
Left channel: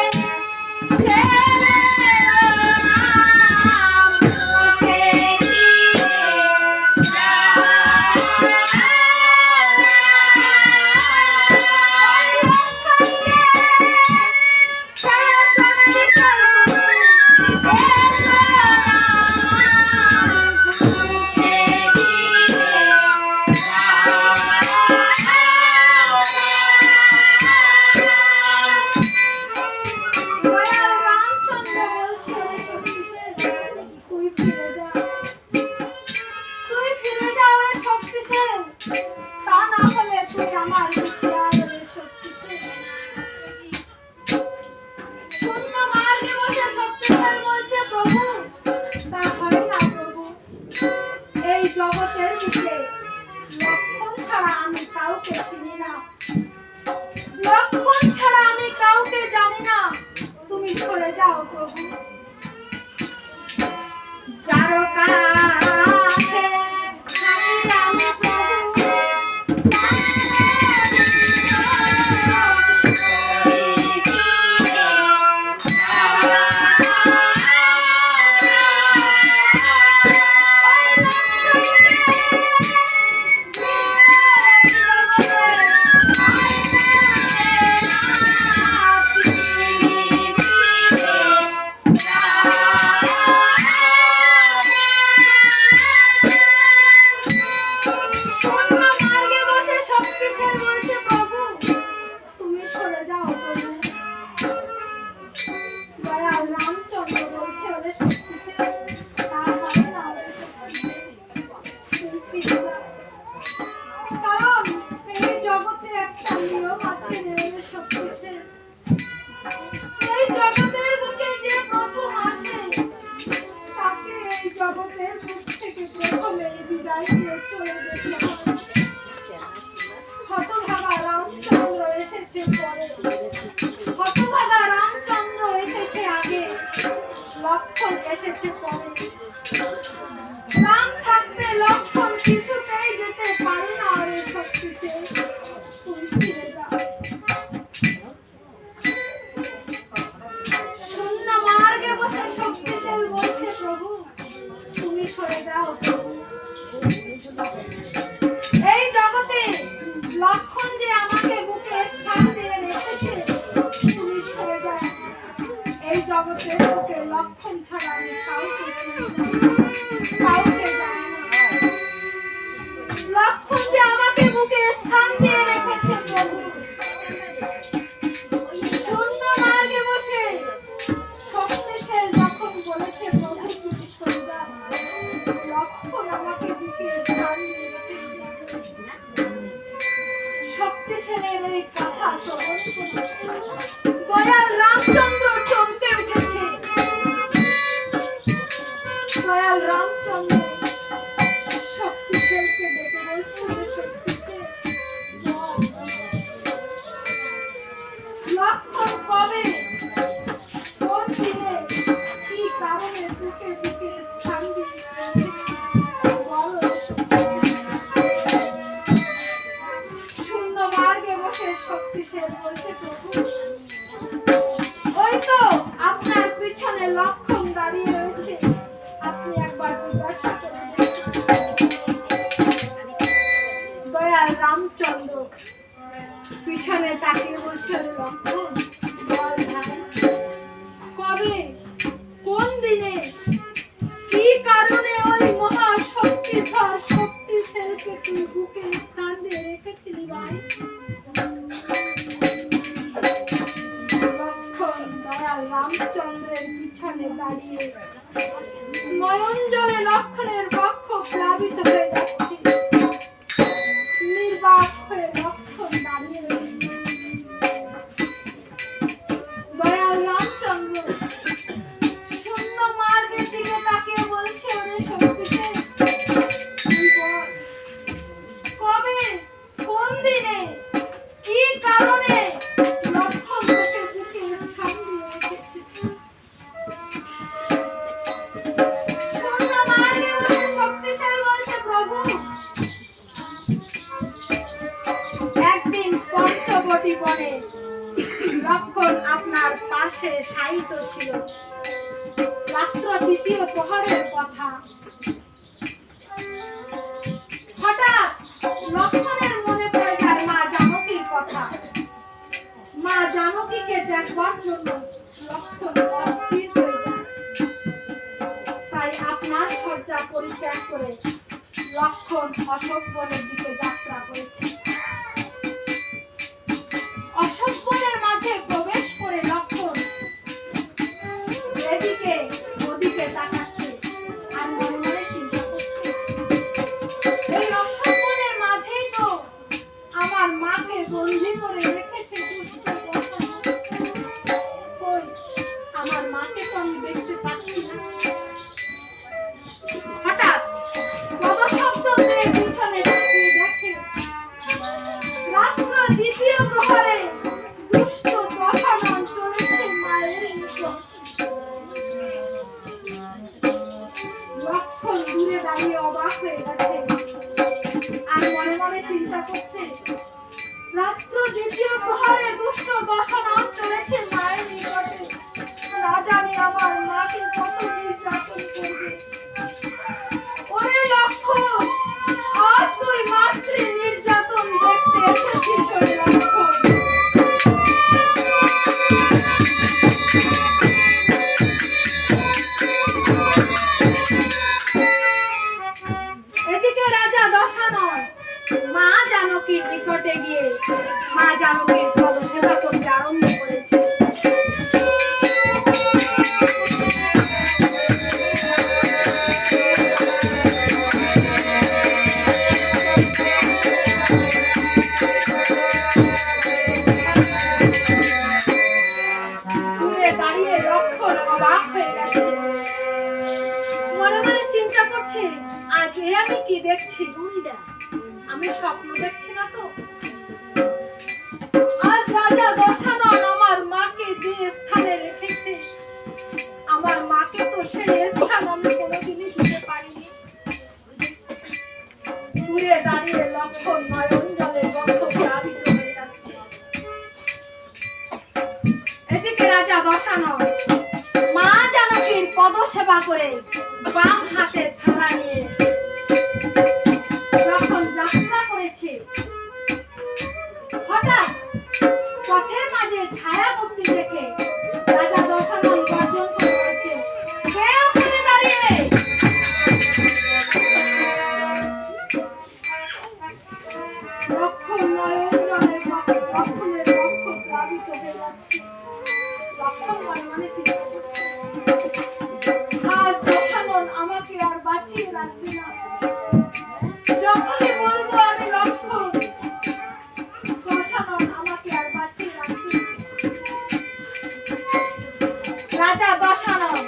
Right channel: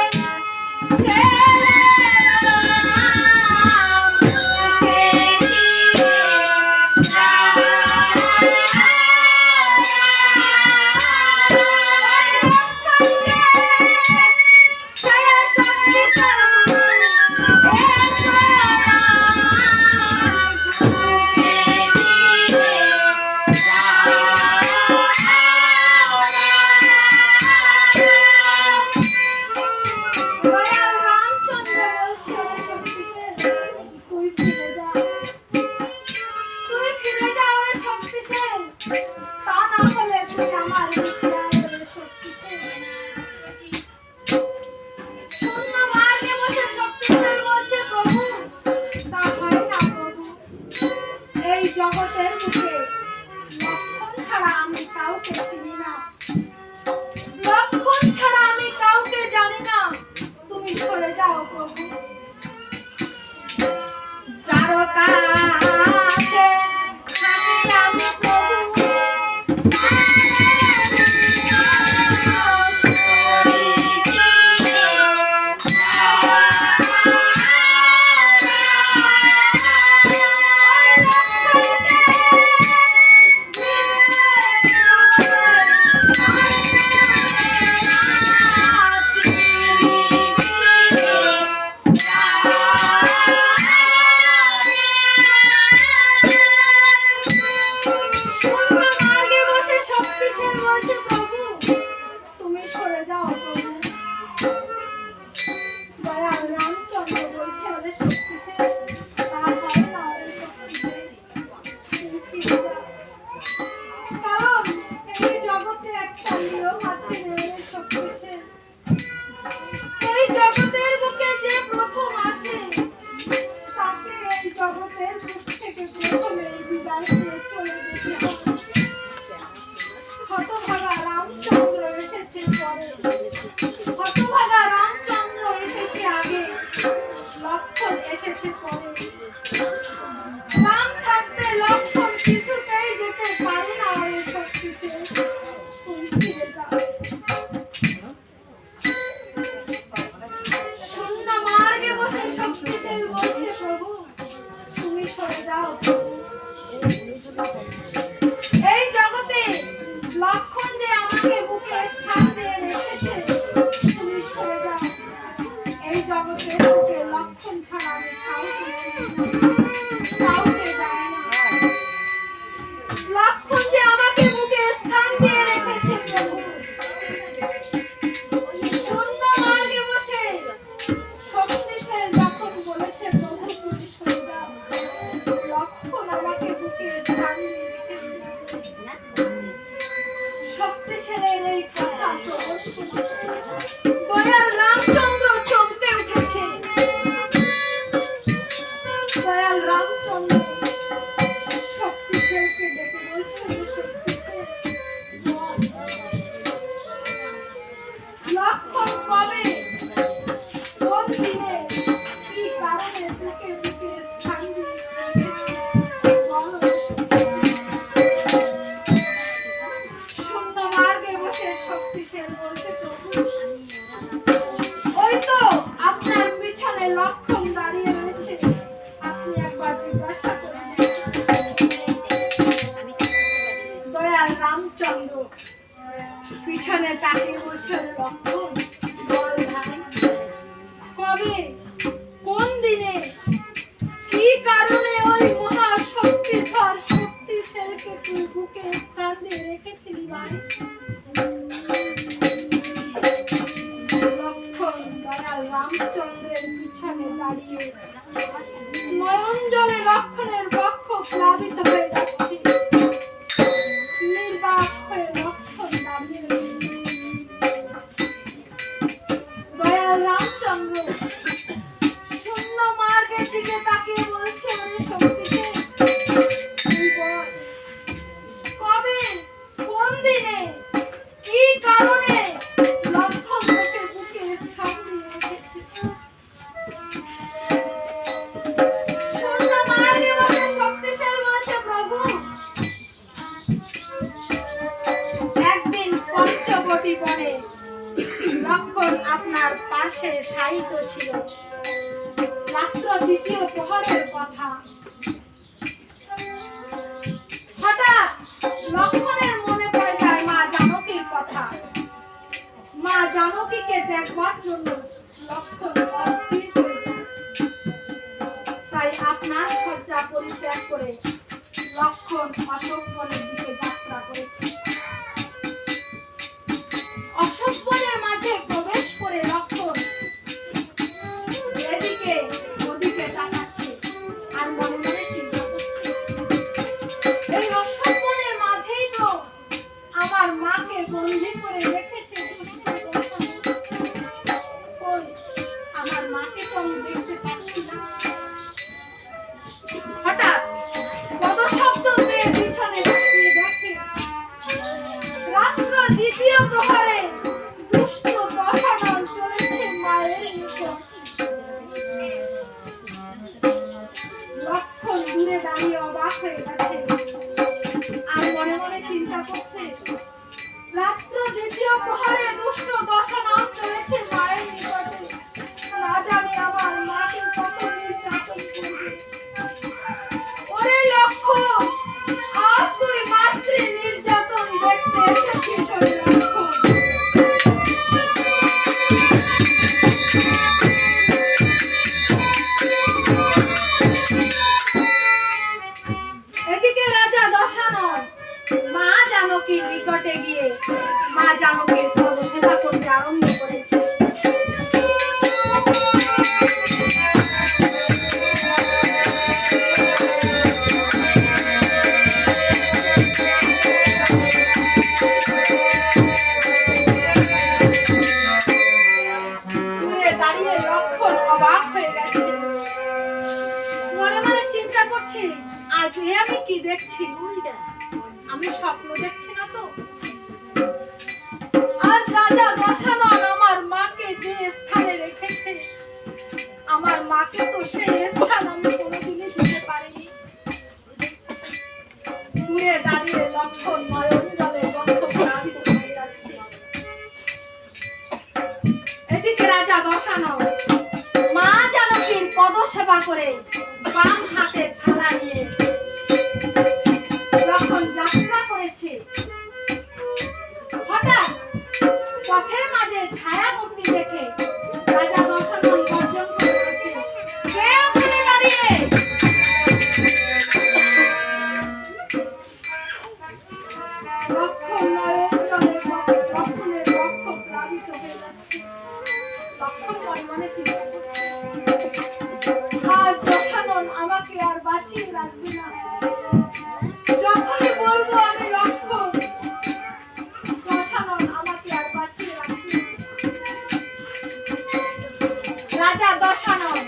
জগতের বুকে লক্ষণ ছাড়া আমি কাউকে চিনি না, লক্ষণ ছাড়া আমি কাউকে জানি না, তুমি সরে যাও প্রভু। যার কাছে আমি প্রভু লক্ষণ এসেছে পরে। রাম থাকতে লক্ষণ কিছুতেই যেতে পারে না, আরে শক্তিশাল তুই ফিরে যা। শূন্য মার্গে বসে শক্তিশাল বলছে, প্রভু তুমি সরে যাও। এই জগতে লক্ষণ যে আমাকে বুকে স্থান দিয়ে রেখেছে, তুমি সরে যাও। এই জগতের বুকে লক্ষণ ছাড়া আমি কাউকে কাউকে জানি না, লক্ষণ যে আমাকে বুকে স্থান দিয়ে রেখেছে প্রভু। শূন্য মার্গে বসে শক্তিশাল যখন বলেছে, প্রভু তুমি সরে যাও, লক্ষণ আমাকে বুকে স্থান দিয়ে রেখেছে। শক্তিশালের এই কথা শ্রবণ করে দয়াল রামচন্দ্র চমকে উঠেছে। দয়াল রামচন্দ্র দয়াল রামচন্দ্র পিছনে তাকিয়ে বলছে, লক্ষণ বল ভাই, কবে, কোন দিনে, কি কারণে ওই মহা শক্তিধর শক্তিশালীকে তুই বুকে স্থান দিয়ে রেখেছিলি ভাই? লক্ষণ দয়াল রামচন্দ্রের পিছনে দাঁড়িয়ে নয়ন জলে লক্ষণের বক্ষ প্লাবিত হয়ে যাচ্ছে। নির্বাক হয়ে লক্ষণ দাঁড়িয়ে রয়েছে। দয়াল রামচন্দ্র শূন্য মার্গের দিকে তাকিয়ে বলছে, ওরে শক্তিকে তুই বল, কবে, কোন দিনে, কি কারণে লক্ষণ তোকে বুকে স্থান দিয়ে রেখেছি? শূন্য মার্গে বলছে, শক্তিশালী বলছে, প্রভু একদিন পঞ্চবটী বনে লক্ষণ আপনার পাশে শায়িত ছিল। রাত্র দ্বিতীয় প্রহরের কথা। হঠাৎ লক্ষণের মনে পড়ে যায় মা জানকীর কথা। মা জানকীকে দেখবার জন্য লক্ষণ অস্থির হয়ে যায়। তাই আপনার শয্যা পরিত্যাগ করে লক্ষণ অশোক বনের দিকে যাত্রা করেছে। অশোক বনের মাঝে প্রবেশ করে লক্ষণ এদিকে ওদিকে তাকাচ্ছে আর মনে মনে চিন্তা করছে, এই অশোক বনের মাঝেই তো আমার মাকে বন্দী করে রেখেছে দুষ্ট দশানন। কই, আমার মাকে তো আমি দেখতে পাচ্ছি না। হঠাৎ পদশব্দ পেয়ে পিছনে তাকিয়ে দেখে রাত্র দ্বিতীয় প্রহরে দুষ্ট দশানন চলেছে মায়ের নিকট। লক্ষণ দূরে দাঁড়িয়ে অবাক হয়ে গেছে আর মনে মনে চিন্তা করছে, রাত্র দ্বিতীয় প্রহরে দুষ্ট দশানন চলেছে মায়ের নিকটে, না জানি আমার মাকে কত নির্যাতন করবে। ওরে লক্ষণ, আজ তুই মাতৃ নির্যাতন দেখতে এসেছিস। ওরে লক্ষণ, এদিকে রাজা দশানন মা জানকীর নিকটে গিয়ে মা জানকীর পদসেবা করতে আরম্ভ করেছে। দূরে দাঁড়িয়ে লক্ষণ অবাক হয়ে গেছে। মনে মনে চিন্তা করছে, আজ এ আমি কি দেখছি? আমি স্বপ্ন দেখছি না তো? আজ রাজা দশানন আমার মাকে যে স্থানে রেখেছে, আমার মাকে তো সেই স্থান আমি কোনোদিনই দিতে পারিনি। দূরে দাঁড়িয়ে লক্ষণ নয়ন জলে বক্ষ প্লাবিত হয়ে যাচ্ছে। এদিকে রাজা দশানন মা জানকীর পদসেবা করে বাম হাতে থালা নিয়ে যখন যাত্রা করেছে, হঠাৎ পথের মাঝে ছায়ামূর্তি দেখে রাজা দশানন গর্জন করে বলেছে, কে ওখানে দাঁড়িয়ে? লক্ষণ নয়ন জলে লক্ষণের বক্ষ প্লাবিত হয়ে যাচ্ছে। লক্ষণ মনে মনে চিন্তা করছে, আজ দশানন আমাকে আর বাঁচিয়ে রাখবে না। যখনই বলবো আমি লক্ষণ, দশানন আমাকে আর বাঁচিয়ে রাখবে না। রাজা দশানন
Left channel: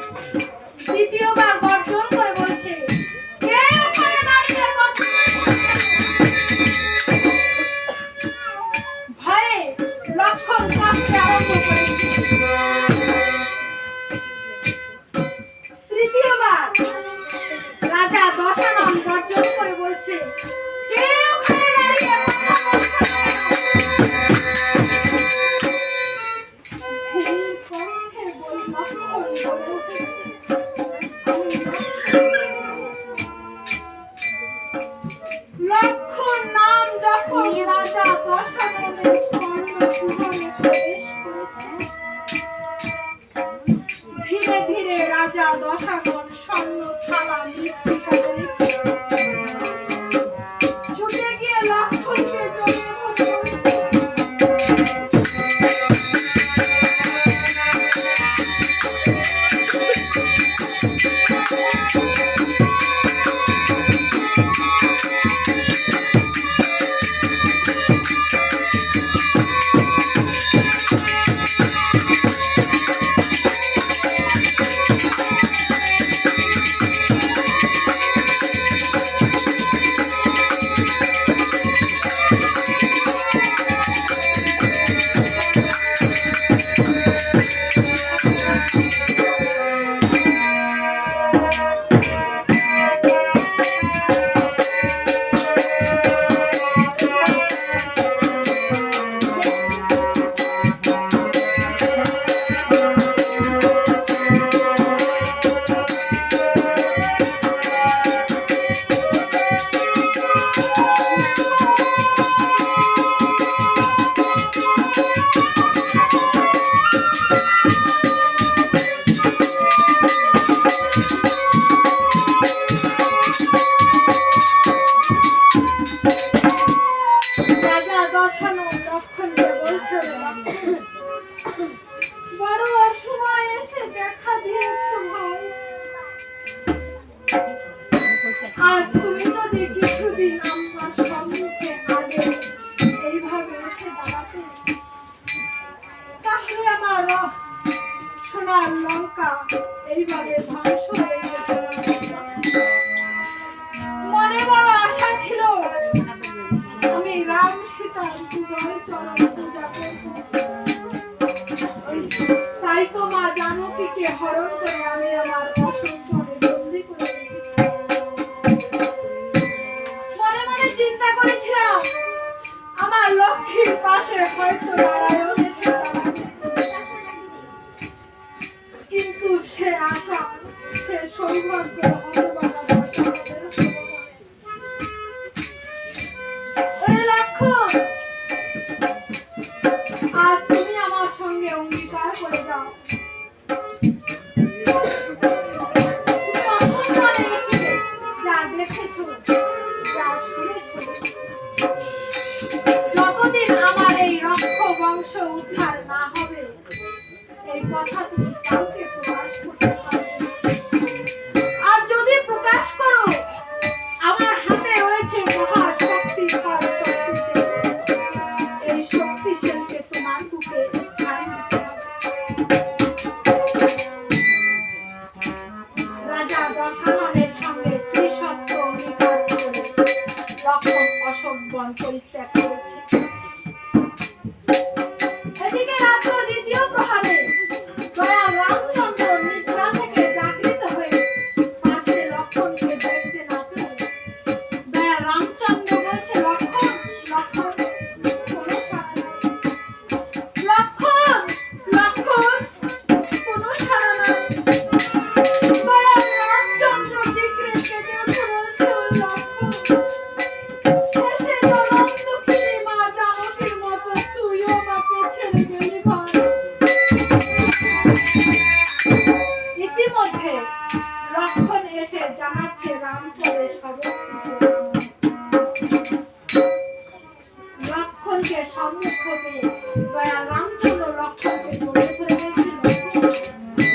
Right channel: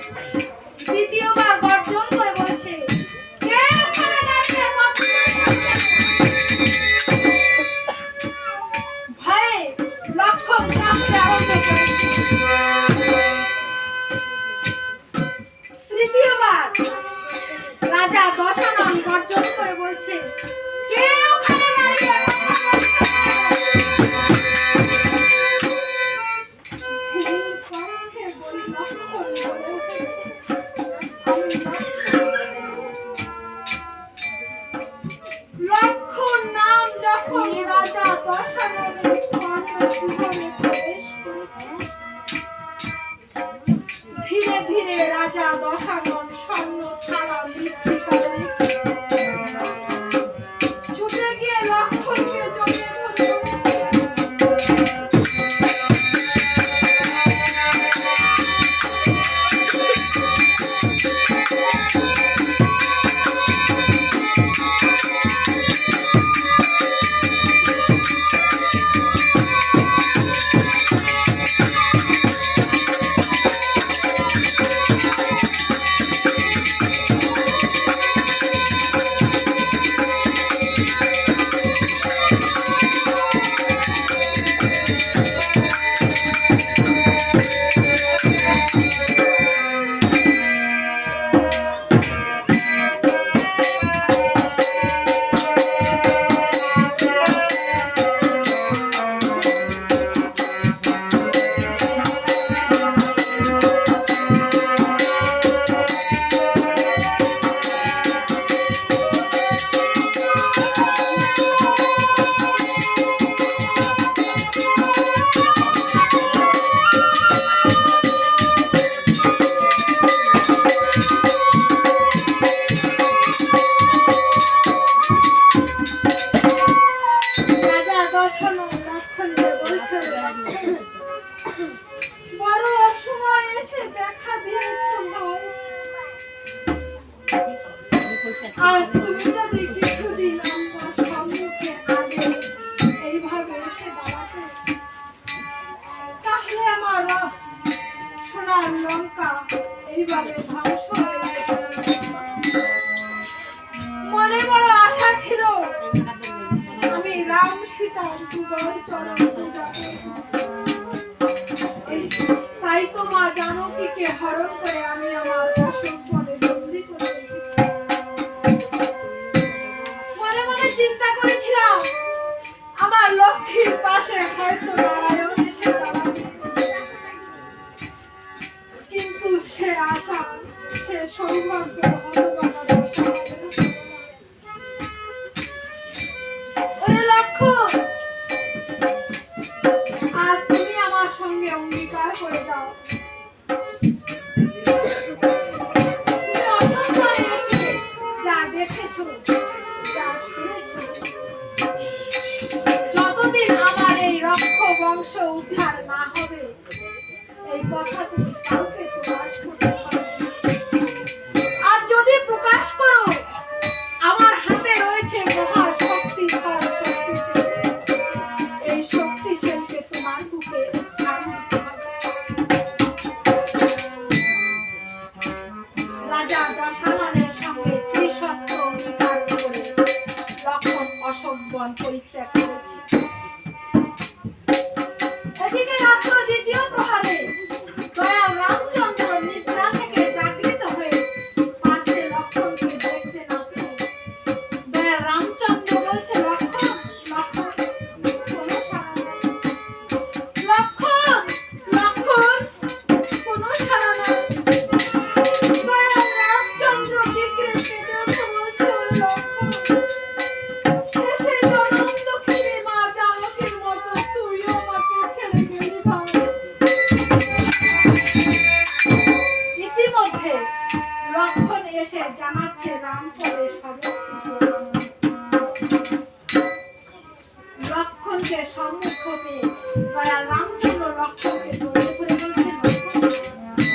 দ্বিতীয়বার গর্জন করে বলছে, কে ওখানে দাঁড়িয়ে? ভয়ে লক্ষণ কাঁপতে আরম্ভ করেছে। তৃতীয়বার রাজা দশানন লক্ষণ নাম যখন রাজা দশাননের কর্ণগৃহে প্রবেশ করেছে, ধীরে ধীরে রাজা দশানন স্বর্ণ থালা বিক্রি করে ছুটে গিয়ে লক্ষণকে জড়িয়ে ধরে বড় অসময় এসে দেখা দিয়েছো ভাই। আজ তুমি যদি কিছুদিন আমার সম্মুখে আগে এইভাবে এসে দাঁড়াতে, তাহলে আমার সোনার লঙ্কা এইভাবে ধ্বংস হয়ে যেত। মনে বড় আশা ছিল আমি রাম সীতার যুগল চরণ পূজা করব। তাই তো মা জানকীকে হরণ করে আমি আমার অসুস্থরে বন্দী করে রেখেছি। মনে মনে চিন্তা করেছিলাম আমার লক্ষ্মীর পাশে হয়তো নারায়ণ এসে দাঁড়াবে, কিন্তু সে আশা, সে সৌভাগ্য হতভাগা দশাননের হলো না। ওরে লক্ষণ, আজ তুমি আমার সঙ্গে অঙ্গীকার করে যাও। তুমি অসম্মানে এসে যা দেখেছো, যা শুনেছো, যতদিন আমার এই রক্ষ বংশ উদ্ধার না হবে, এই কথা তুমি কাউকে প্রকাশ করতে পারবে না। আর যদি প্রকাশ করো, আমার হাতে রয়েছে মহা শক্তিশাল শক্তিশালী। এই শক্তিশালীকে তোমার বুকে স্থান দিতে হবে। রাজা দশাননের সঙ্গে ত্রিসত্য অঙ্গীকার করে লক্ষণ অশোক বন পরিত্যাগ করেছে। এদিকে রাত্র দ্বিতীয় প্রহারে দয়াল রামচন্দ্র নিদ্রা থেকে জাগৃত হয়ে পাশে লক্ষণকে দেখতে না পেয়ে দয়াল রামচন্দ্র বলছে, লক্ষণ, লক্ষণ, কোনো সাড়া নাই। লক্ষণ, লক্ষণ, কোনো সাড়া নাই। দয়াল রামচন্দ্র বিগ্রে কেঁদে উঠে বলছে, লক্ষণ, শেষে জনম দুঃখিনী মা জানকীর মতো তুইও আমাকে ছেড়ে গেলি ভাই। ইতিমধ্যে লক্ষণ এসে জানাচ্ছে রামপরে শবর। লক্ষণকে সম্মুখ পেয়ে দয়াল রামচন্দ্র লক্ষণকে জড়িয়ে ধরে বলছে, লক্ষণ,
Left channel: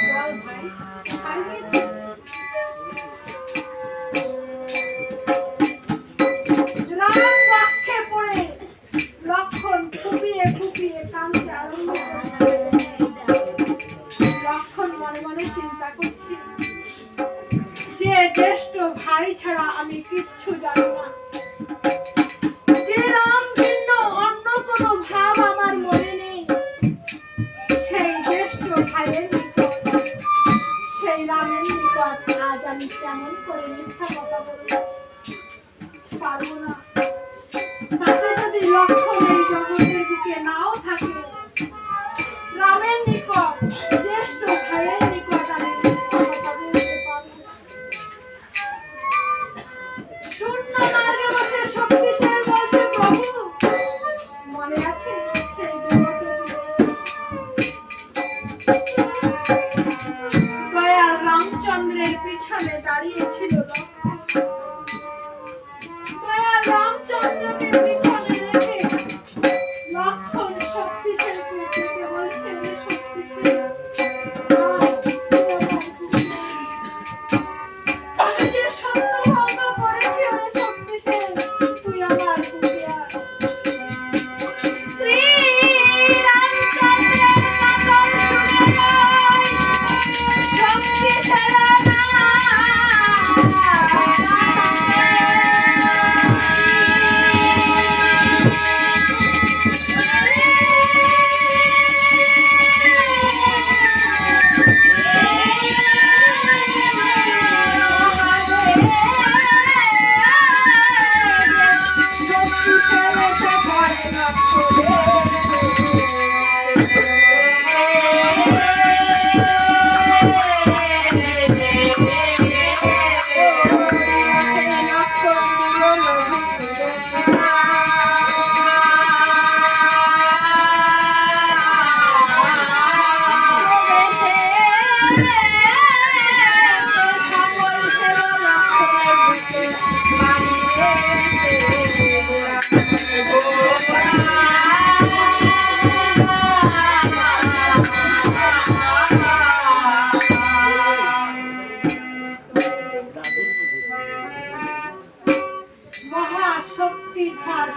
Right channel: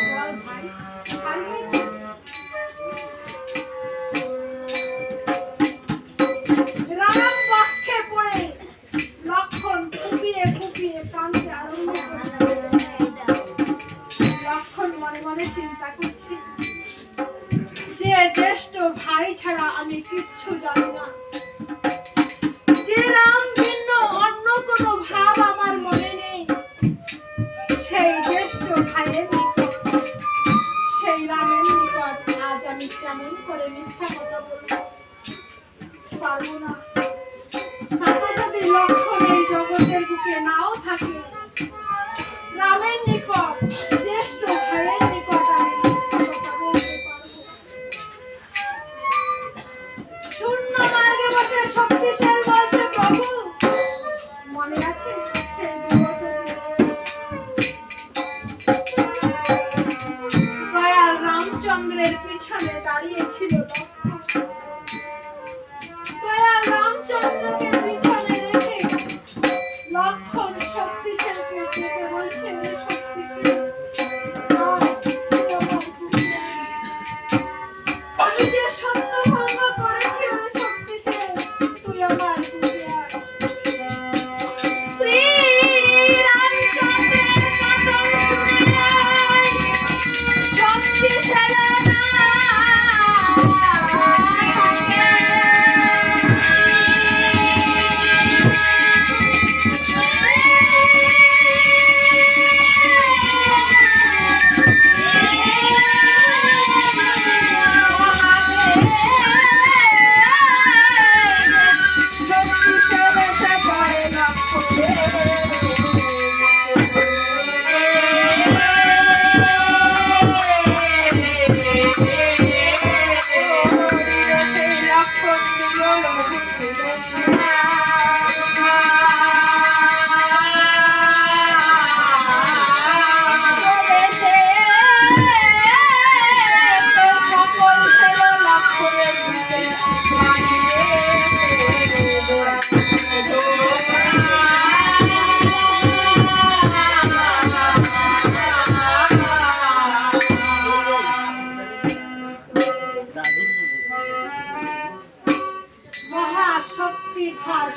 বল ভাই, কোথায় গেছিস? রাম বাক্যে পড়ে লক্ষণ ফুপিয়ে ফুপিয়ে কাঁদতে আরম্ভ করে। লক্ষণ মনে মনে চিন্তা করছি, যে জ্যেষ্ঠ ভাই ছাড়া আমি কিচ্ছু জানি না, যে রাম ভিন্ন অন্য কোনো ভাব আমার মনে নেই, সেই জ্যেষ্ঠ ভাইয়ের নিকট, সেই রামের নিকট আজ আমি কেমন করে মিথ্যা কথা বলবো? পারবো না। তাতে যদি লক্ষণ এই জগতের বুকে নাও থাকে, রামের নিকট, জ্যেষ্ঠ ভাইয়ের নিকট আমি মিথ্যা কথা বলতে পারবো। শূন্য মার্গে বসে শক্তিশাল বলছে প্রভু মনে আছে সেই দয়াল রামচন্দ্রের পিছনে দাঁড়িয়েছিল লক্ষ্মণ। দয়াল রামচন্দ্রকে পিছনে রেখে লক্ষ্মণ শক্তিশালকে ডেকে বলছে শক্তিশাল আমি যে সত্য ভঙ্গ করেছি ওরে শক্তিশাল তুই আমার বুঝে আয়। শ্রী রামচন্দ্রের কাতর শুনে শক্তিশাল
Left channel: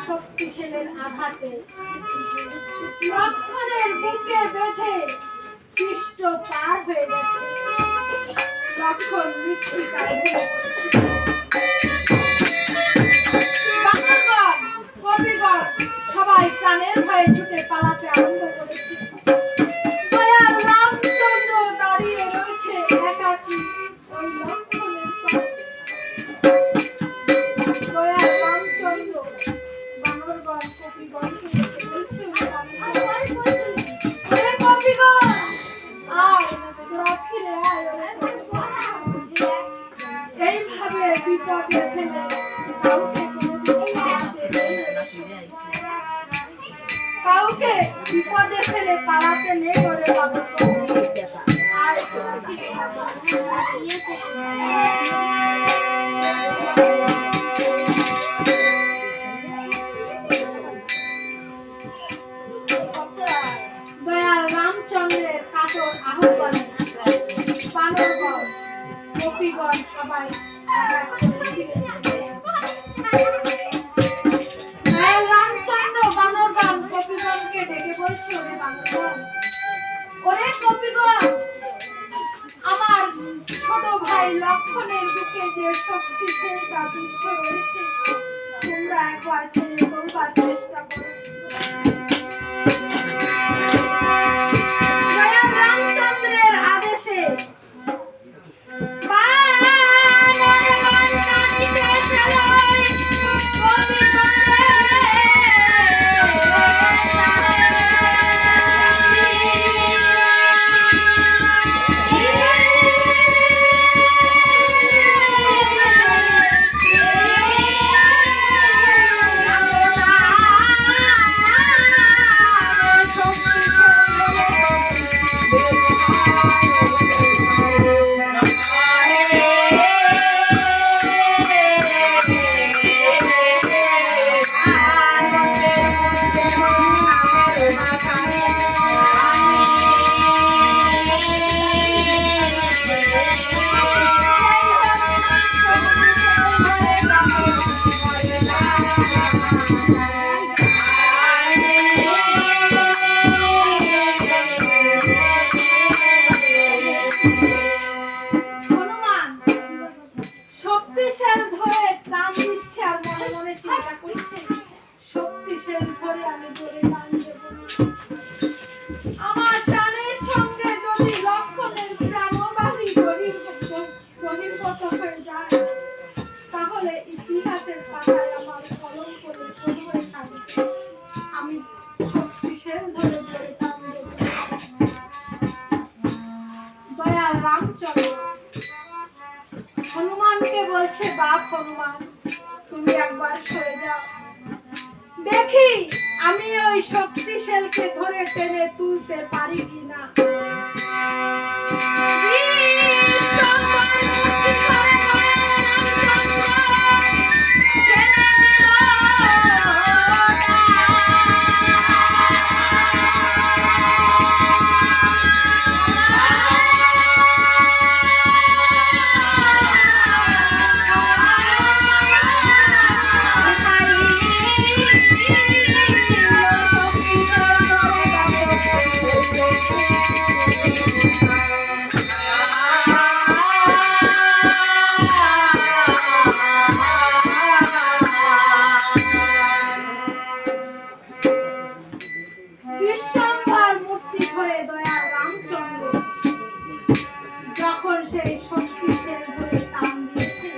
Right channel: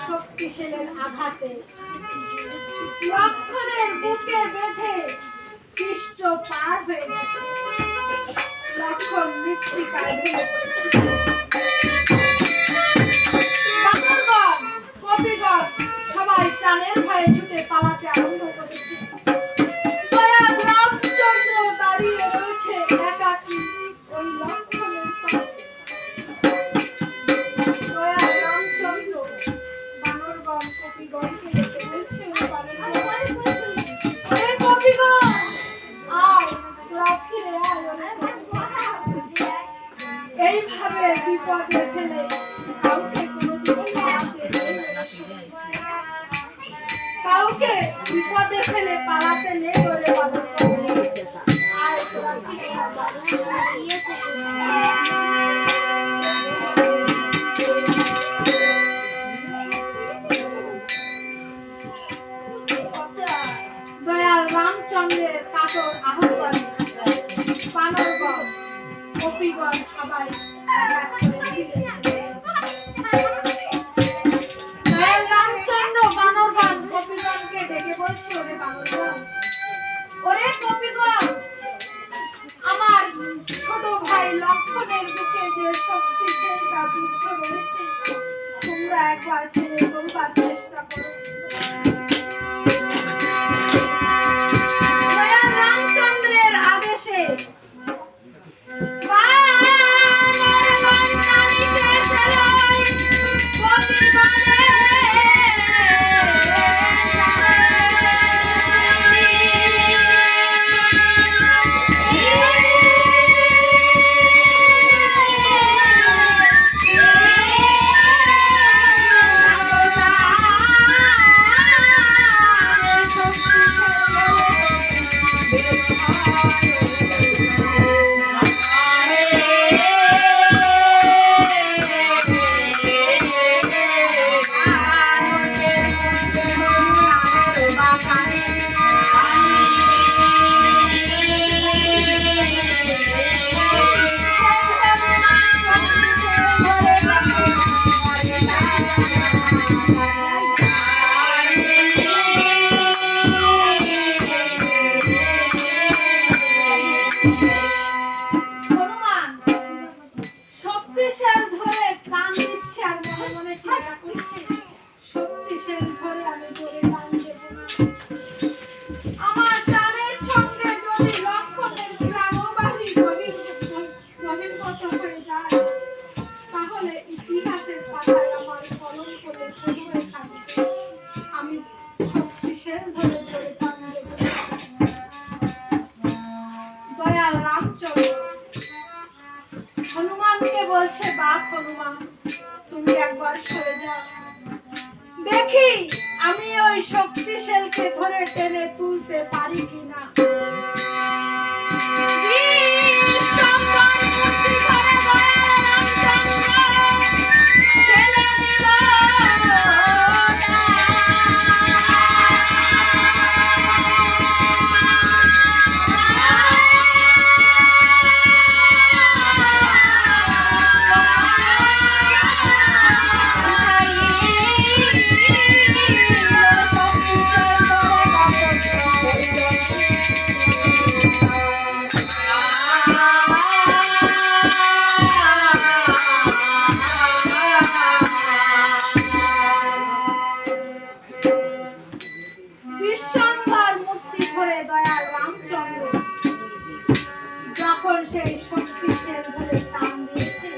শক্তিশালের আঘাতে লক্ষ্মণের বুকে বেঁধে পৃষ্ঠ পার হয়ে গেছে। লক্ষ্মণ মৃত্তিকায় বানরগণ কপিগণ সবাই প্রাণের ভয়ে ছুটে পালাতে আরম্ভ করেছে। দয়াল রামচন্দ্র দাঁড়িয়ে রয়েছে একাকী ওই লক্ষ্মণের পাশে। দয়াল রামচন্দ্র বানরগণ কপিগণকে ডেকে বলছে কপিগণ আয় তোরা ফিরে আয়। এইভাবে বিপদে ফেলে কাউকে কোনোদিন পালাতে নেই। কাউকে বিপদে ফেলে পালাতে নেই ওরে বানরগণ আয় তোরা ফিরে দয়াল রামচন্দ্রের কাতর আহ্বানে বানরগণ কপিগণ সবাই দয়াল রামচন্দ্র বানরগণ কপিগণকে ডেকে বলছে ওরে বানরগণ ওরে কপিগণ আমার ছোট ভাই লক্ষ্মণের বুকে যে শক্তিশালীটা যুদ্ধ রয়েছে তোমরা একবার ফেলে করবার চেষ্টা করো। দয়াল রামচন্দ্রের আদেশে বানরগণ টানিতে ফেলায় কপিগণে শক্তিশাল ধরে টান দিচ্ছে আর মনে মনে চিন্তা করছে শক্তিশাল ধরে আমি জোরে টান দেব আমার টানের সঙ্গে যদি লক্ষ্মণের প্রাণবাহী গভীরগত হয়ে যায় তাহলে ইতিহাসের পাতায় আমার কলঙ্ক লেখা হয়ে থাকবে। আমি শক্তিশাল ধরে জোরে টান দেব। দয়াল রামচন্দ্র হনুমানকে বলছে বাপ হনুমান তুমি একবার সরে যাও। দেখি আমি ওই শক্তিশালকে ধরে টেনে তুলতে পারি কিনা। বিশ্বম্ভর মূর্তি ধরে দয়াল রামচন্দ্র যখন সেই শক্তিশাল ধরে টান দিয়েছে,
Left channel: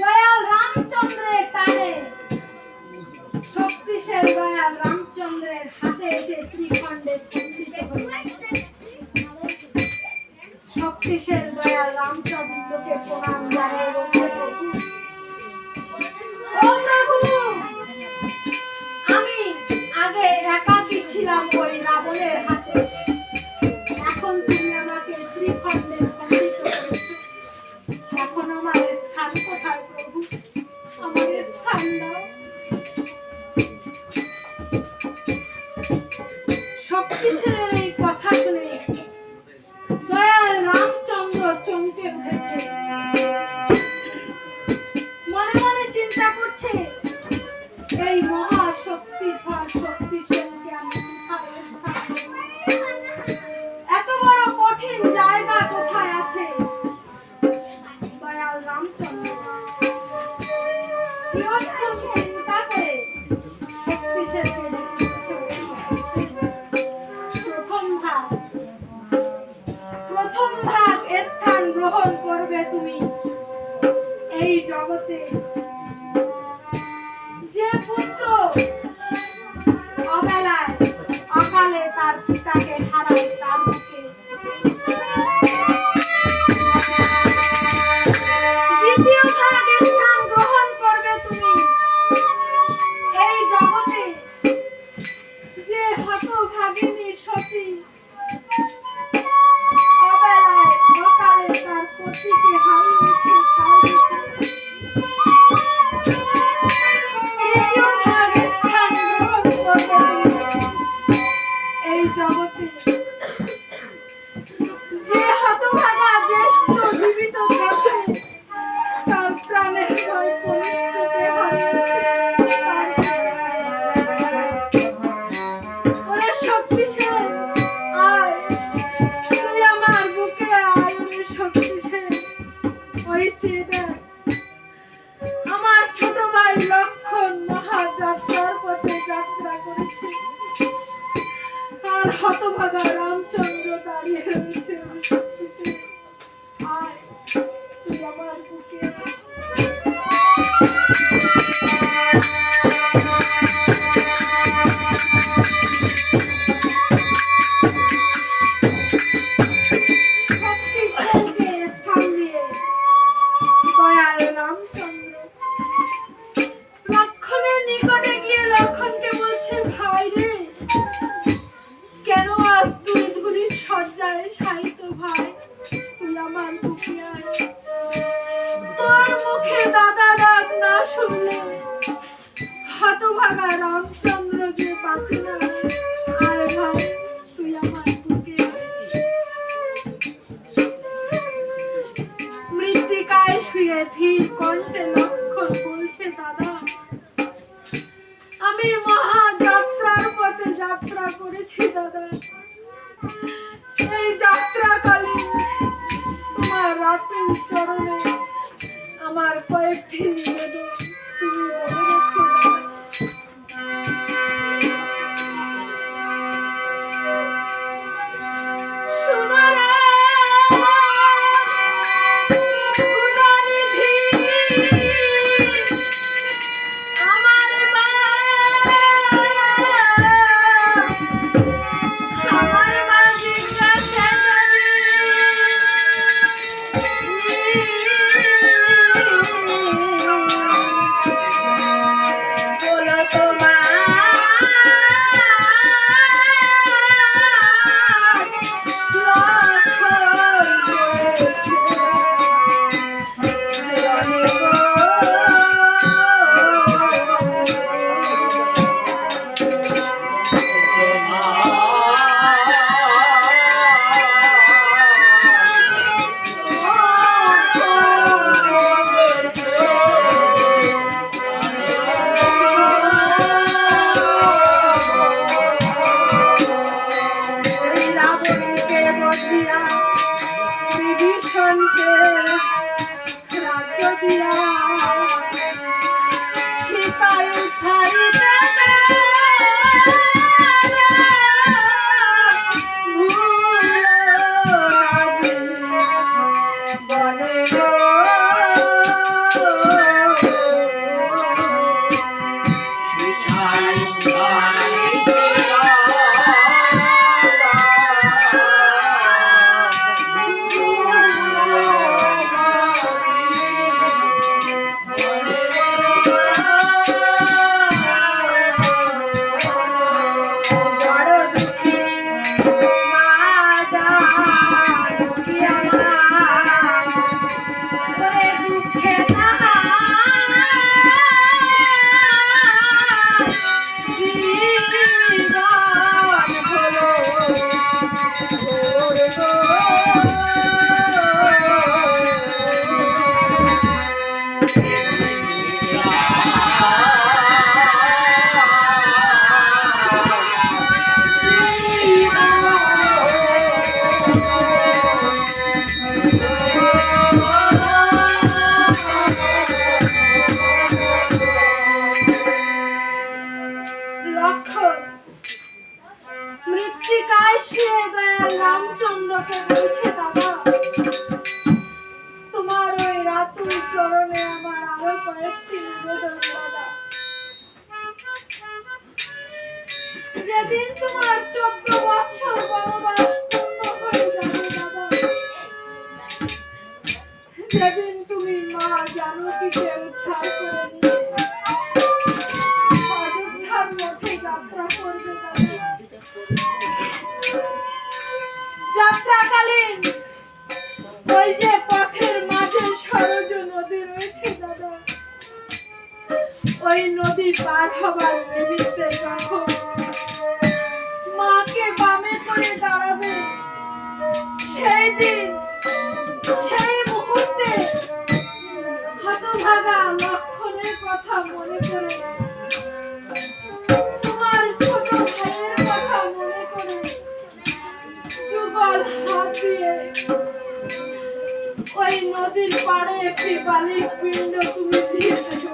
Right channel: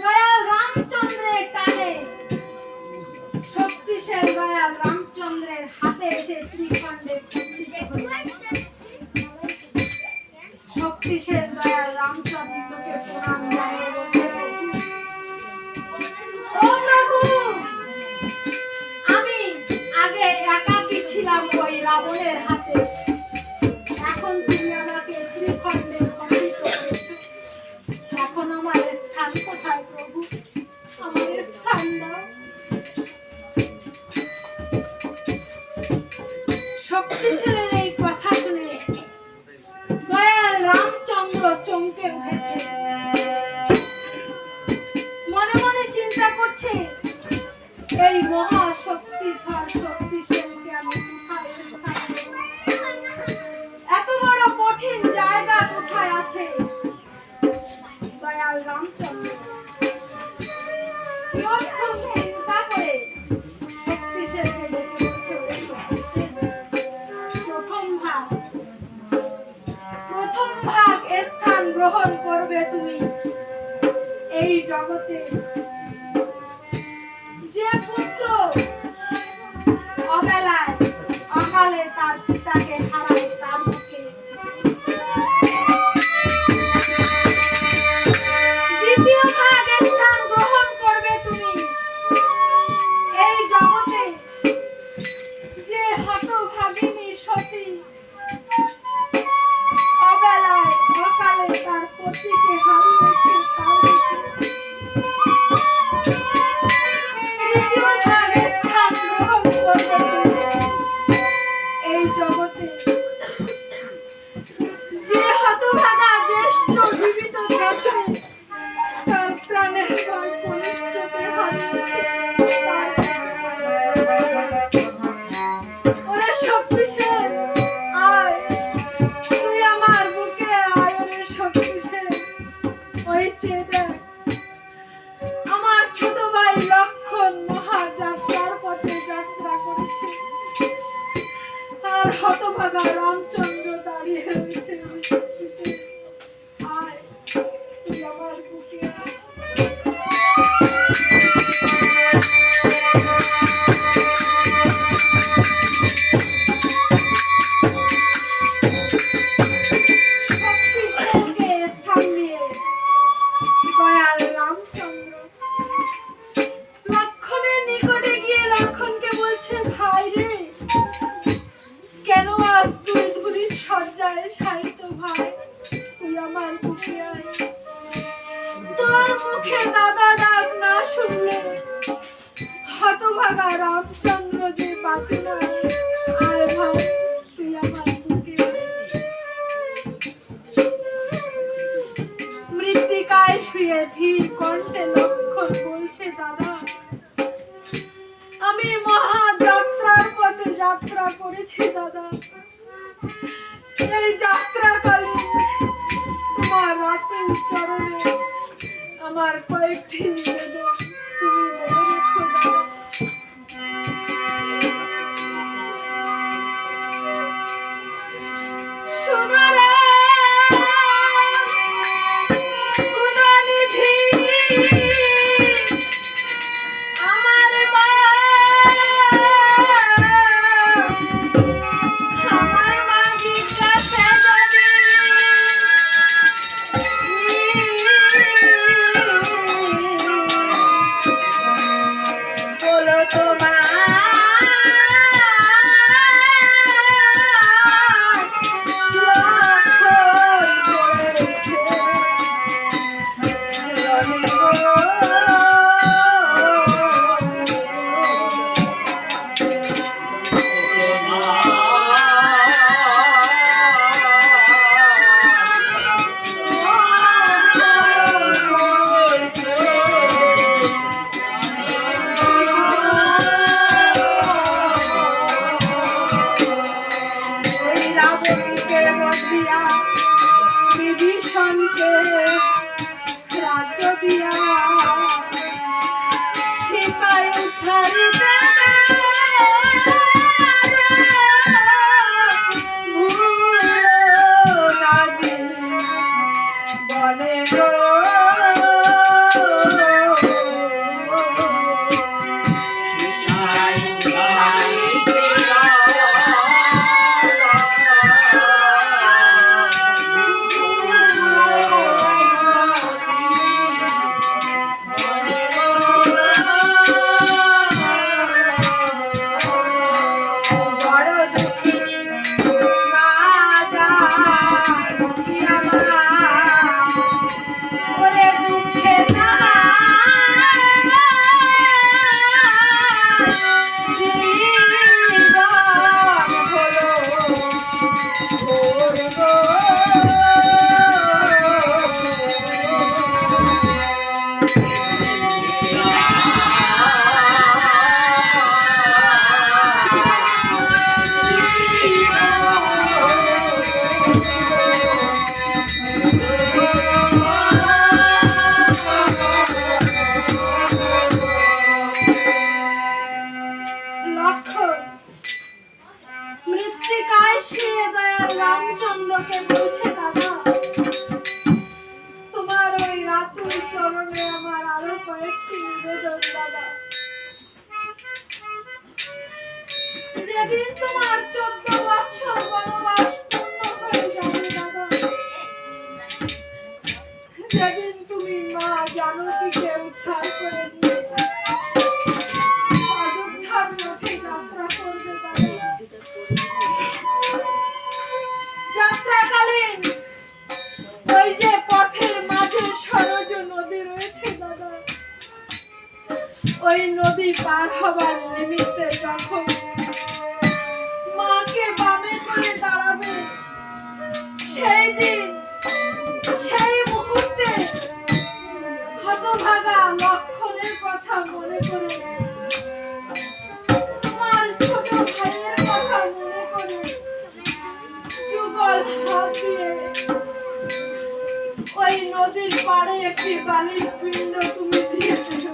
দয়াল রামচন্দ্রের টানে শক্তিশাল দয়াল রামচন্দ্রের হাতে এসে ত্রিখণ্ডে খণ্ডিত হল। শক্তিশাল দয়াল রামচন্দ্রকে প্রণাম জানিয়ে বলতে, ও প্রভু, আমি আগে একাকী ছিলাম ওই রাবণের হাতে, এখন তুমি আমাকে ত্রিখণ্ডে খণ্ডিত করেছো। এখন আমার স্থান কোথায় প্রভু? আমার স্থান দাও। শক্তিশালের এই কথা শুনে দয়াল রামচন্দ্র চমকে উঠেছে। মনে মনে চিন্তা করছে, এই মহা শক্তিধর শক্তিশালীকে আমি কোথায় স্থান দেব? এত বড় কঠিন জায়গা কোথায় আছে? দয়াল রামচন্দ্র কিয়ৎক্ষণ চিন্তা করে শক্তিশালীকে ডেকে বলছে, প্রথম ভাগ স্থান গ্রহণ করবে তুমি এই জগতে। যে পুত্র অবেলায় অকালে তার পিতাকে হারায় তার মুখে, দ্বিতীয় ভাগ স্থান গ্রহণ করবে তুমি এই জগতে। যে হতভাগিনী সতী অবেলায় অকালে তার পতিকে হারিয়েছে তার মুখে, তৃতীয় ভাগ স্থান গ্রহণ করবে এই জগতে। যে হতভাগা জ্যেষ্ঠ জীবিত দেখে তার প্রাণের ভয় কনিষ্ঠকে হারিয়েছে ওরে শক্তিশাল, আয় তুই আমার বুকে আয়। ওরে শক্তিশাল, ওই চেয়ে দেখ, আমার ছোট ভাই লক্ষণ মহাযাত্রার পথে যাত্রা করেছে, আর হতভাগা রামচন্দ্র দাঁড়িয়ে রয়েছে। আয় তুই আমার বুকে আয়। শক্তিশালকে স্থান দিয়ে দয়াল রামচন্দ্র লক্ষণের নিকটে গিয়ে লক্ষণকে বলছে, ভাই রে, কেন আজ তুই ধুলির শয্যায় শায়িত ভাই? তুই আমার বুকে আয়। তোর মুখে দাদা ডাক না শুনলে হতভাগা রামচন্দ্র যে বাঁচে না। আয় ভাই, তুই আমার বুকে আয়। মৃত্তিকায় শুয়ে ধীর কণ্ঠে লক্ষণ বলছে, দাদা, আমি মহাযাত্রার পথে যাত্রা করেছি দাদা। এই যাত্রাকালে তোমার রাতুল চরণে আমার কয়েকটি নিবেদন তুমি মনে রেখো দাদা। শোনো রে গুণনিধি, আমার মা, আমার মা জিজ্ঞাসা যদি রামচন্দ্রকে বলছে, দাদা তোমার ওই রাতুল চরণে আমার আরো কয়েকটি নিবেদন। দাদা যেদিন তোমার 14 বছর বনবাস পূর্ণ হয়ে যাবে, দাদা যেদিন তুমি মা জানকীকে উদ্ধার করে নিয়ে অযোধ্যার মধ্যে যাত্রা করবে, দাদা যাত্রাকালীন ওই যে পথের মাঝে সরজ নদী রয়েছে, দাদা ওই নদী পার হবার নিমিত্তে যখন মাকে বামে করে দাঁড়াবে, সেই দিন সেই মুহূর্তে হতভাগা লক্ষণের কথা মনে করে, তোমার ছোট ভাইয়ের কথা মনে করে যুগল হাত দিয়ে ওই নদীর পাড়ে একটি বালির পিণ্ড তুমি দিয়ে দেবে।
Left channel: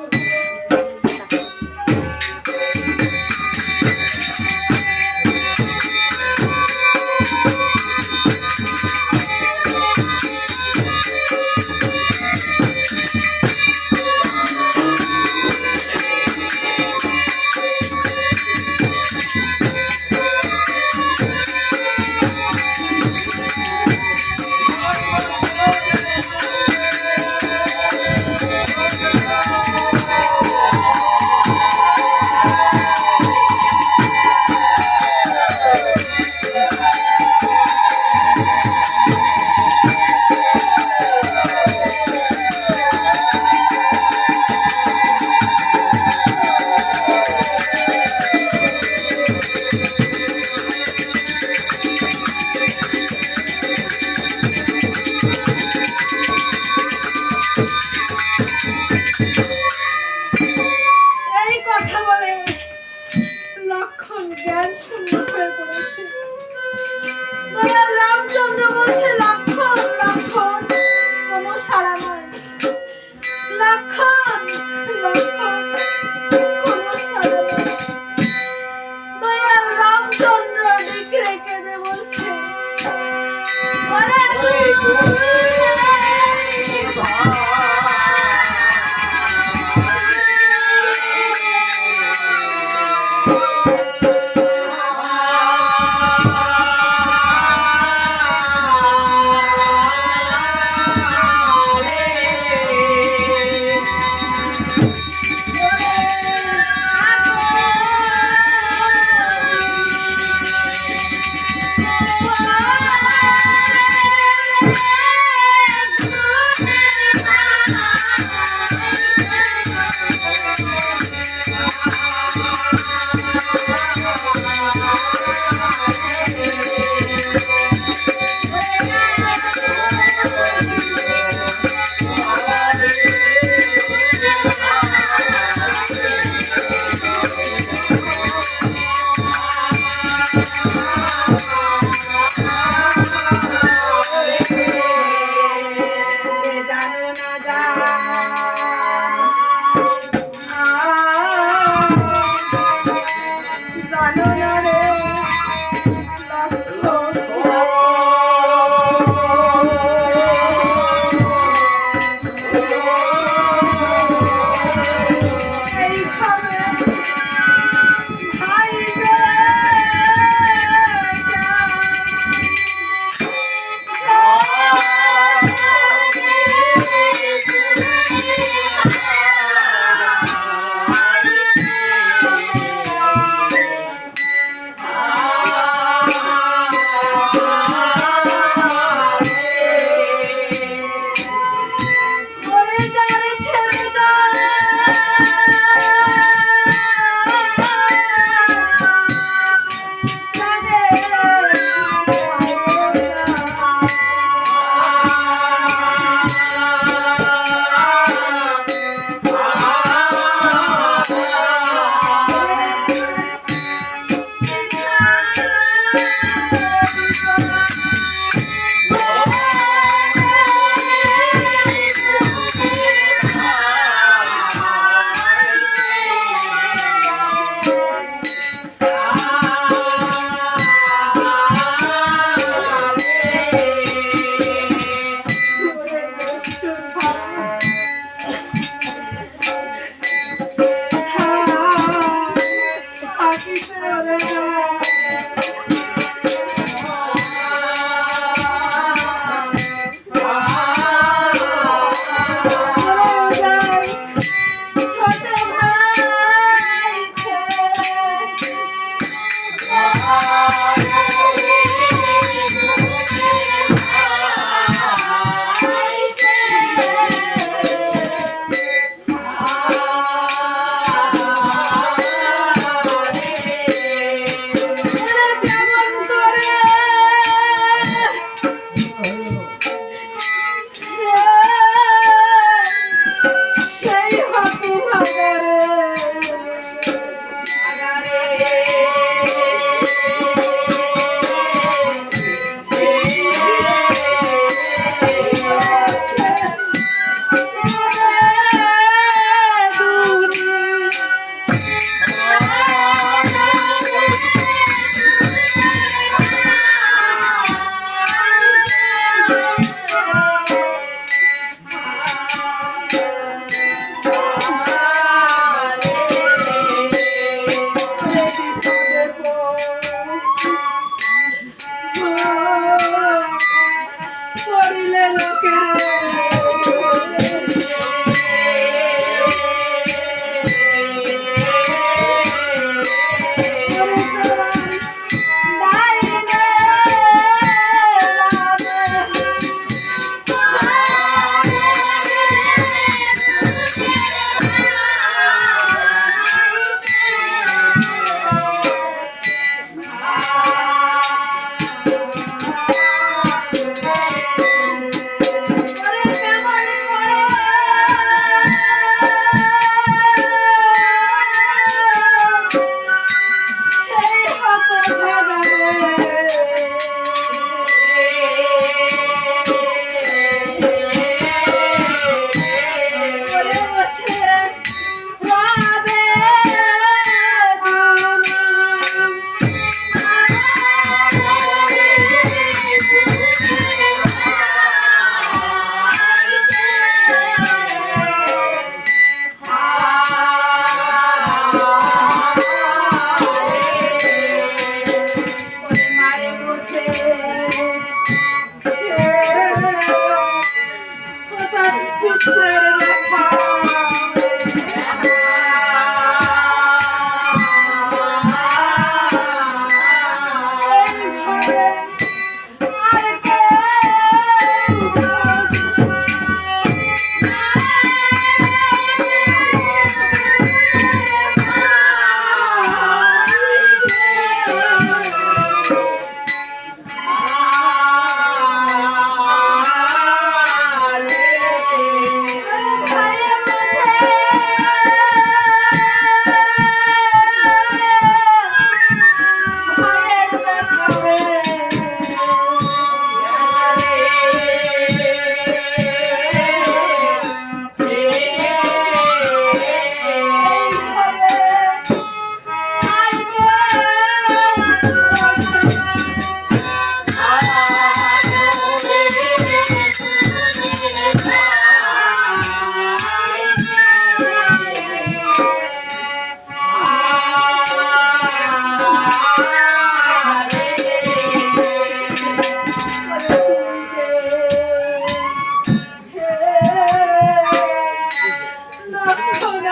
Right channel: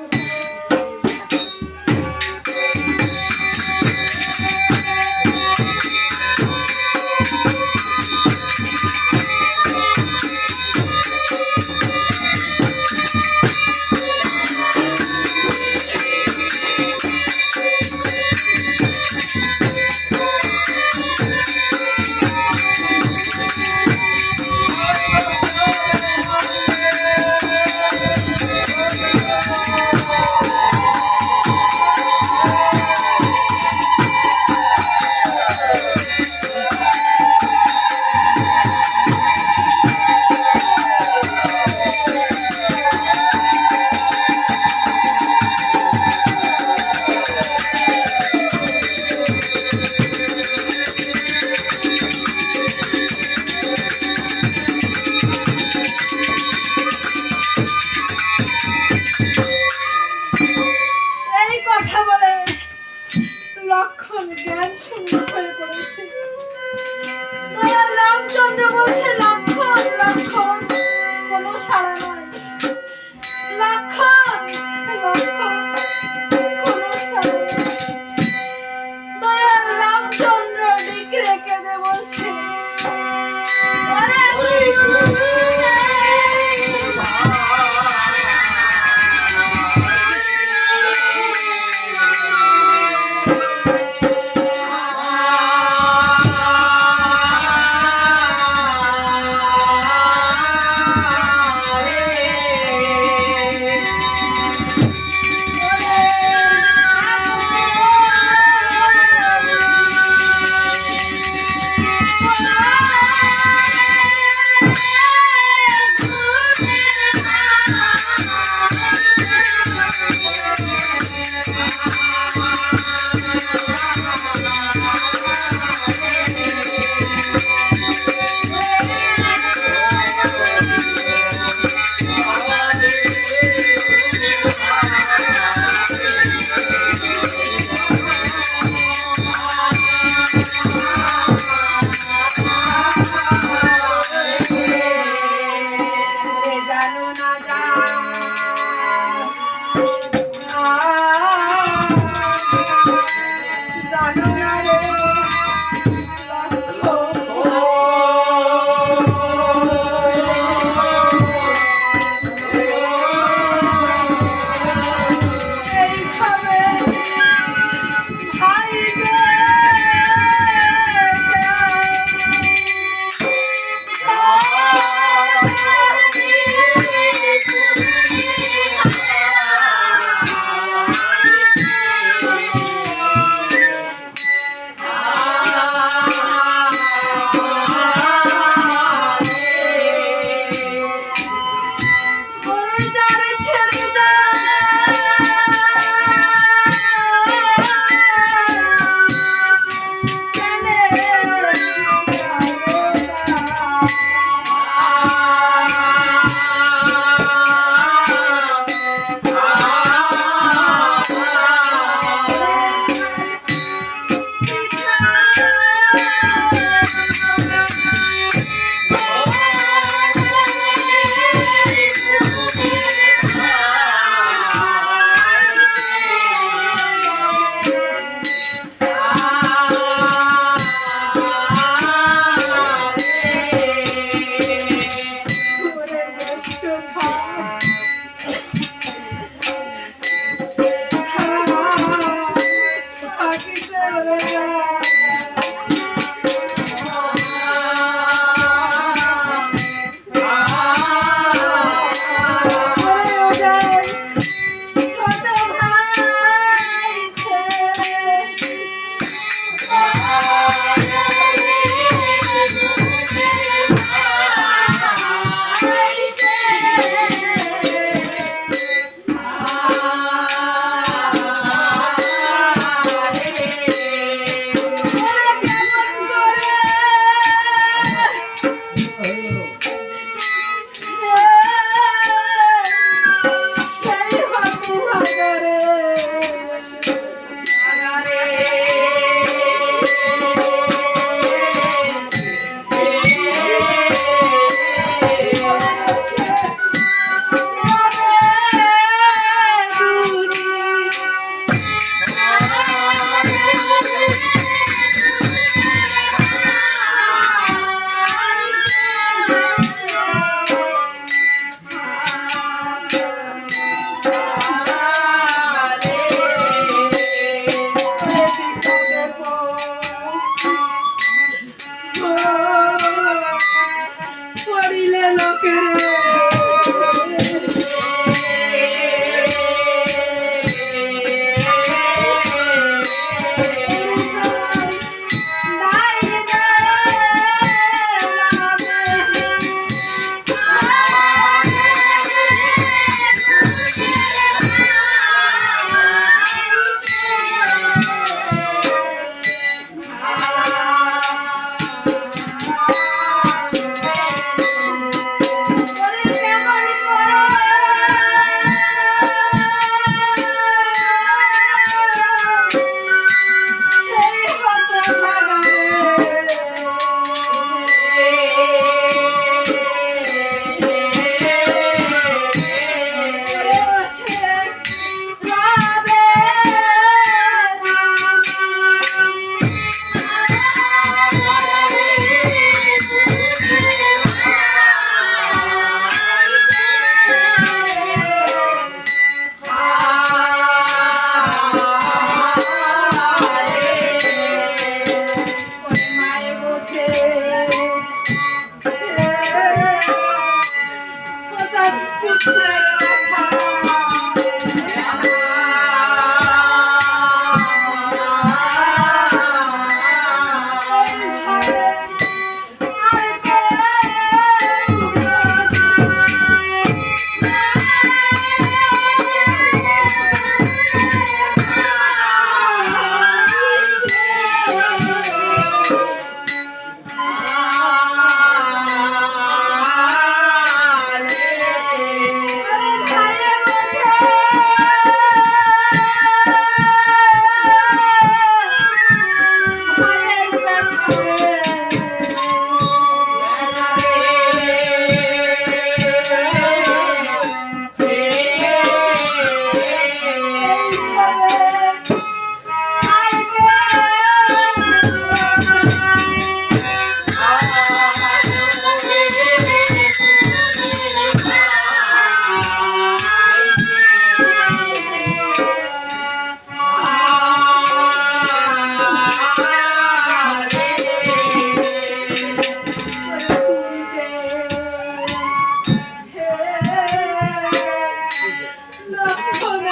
লক্ষণ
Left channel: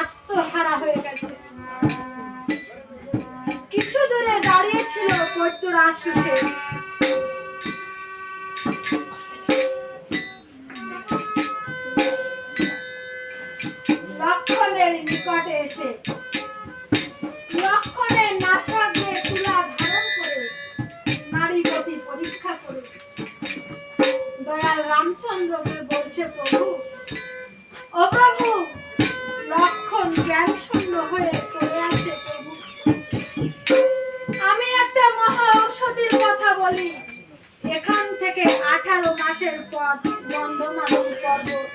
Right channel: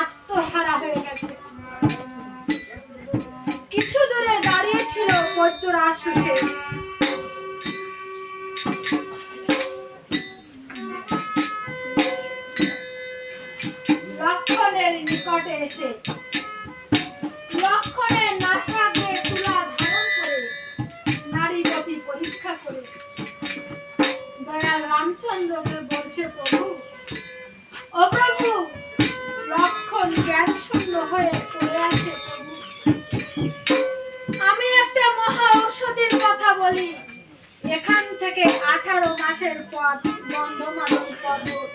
আত্মহারা হয়ে গেছে। কিছু দূরে দাঁড়িয়ে ছিল বৈদ্যরাজ সুসেন। লক্ষণের নিকটে এসে লক্ষণের নাসাগ্রে তুলা ধারণ করে নারী গতি পরীক্ষা করে দয়াল রামচন্দ্রকে বলছে, প্রভু, ও প্রভু, লক্ষণ জ্ঞান শূন্য হয়ে পড়ে আছে। প্রভু, আমি একটা মহা ঔষধির কথা বলি। এখান থেকে 18 মাসের পথ গন্ধমাদন পর্বত।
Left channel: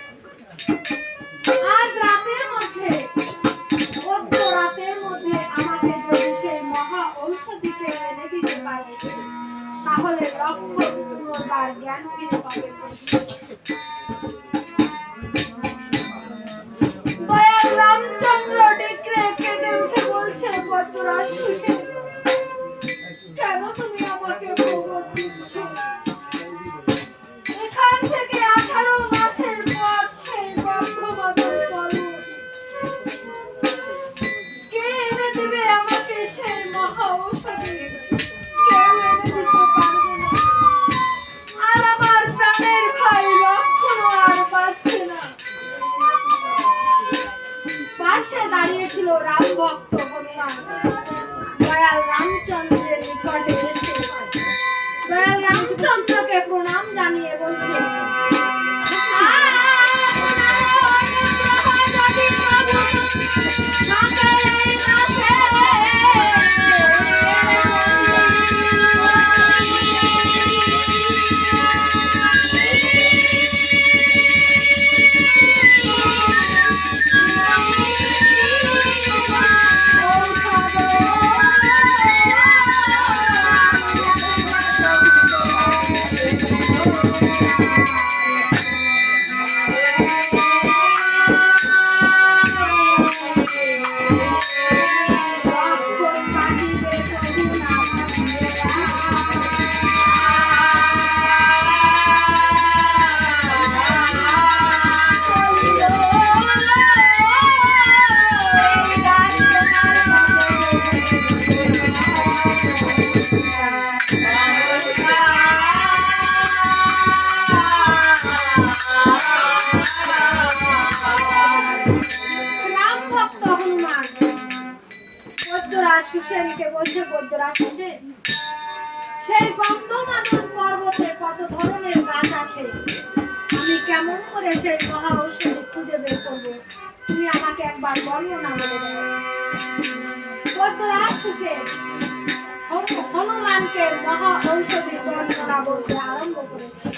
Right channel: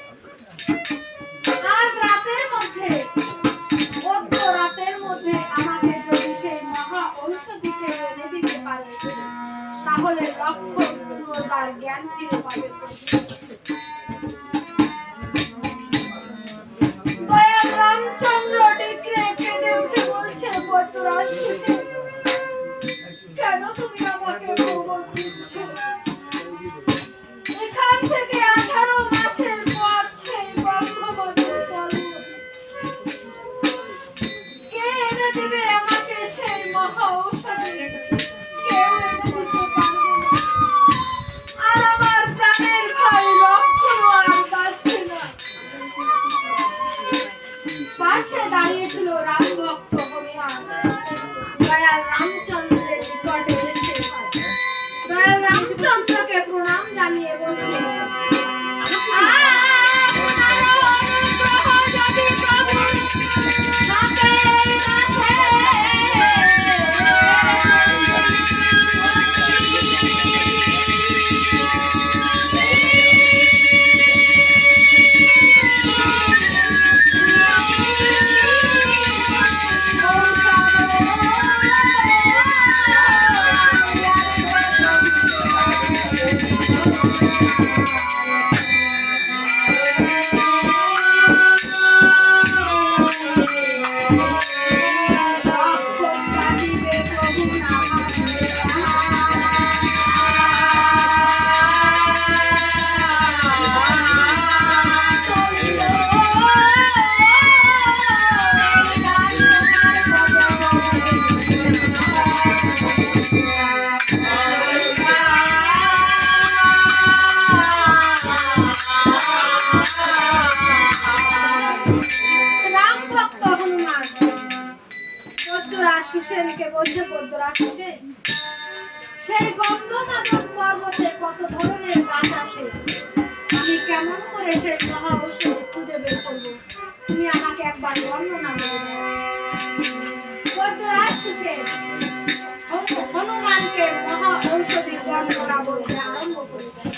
আজ রাতের মধ্যে, রাতের মধ্যে আমাকে যদি সেই মহা ঔষধিকে এনে দিতে পারে, তাহলে লক্ষণ পুনর্বার জ্ঞান ফিরে পাবে। দয়াল রামচন্দ্র ডিগ্রে কেঁদে উঠে বলছে, বৈদ্যরাজ সুসেন, কেন তুমি আমাকে প্রবোধ দিচ্ছ? এখান থেকে 18 মাসের পথ সেই গন্ধমাদন পর্বত। কে এনে দিবে আমাকে সেই মহা ঔষধি? কেউ এনে দিতে পারবে না। আর আমার প্রাণের ভাই লক্ষণ আর বাঁচবে না। পাশে দাঁড়িয়েছিল রাম ভক্ত হনুমান। দয়াল রামচন্দ্রের নিকটে এসে দয়াল রামচন্দ্রকে প্রণাম জানিয়ে বলছে, সুসেনকে বলছে, বৈদ্যরাজ সুসেন, সেই গন্ধমাদন পর্বতে কত ধরনের গাছ আছে, আমি কেমন করে সেই মহা ঔষধি খুঁজে বের করবো? তুমি আমাকে একবার বর্ণনা করে দাও। বৈদ্যরাজ সুসেন হনুমানকে মহা ঔষধি বর্ণনা বলতে আরম্ভ করেছে।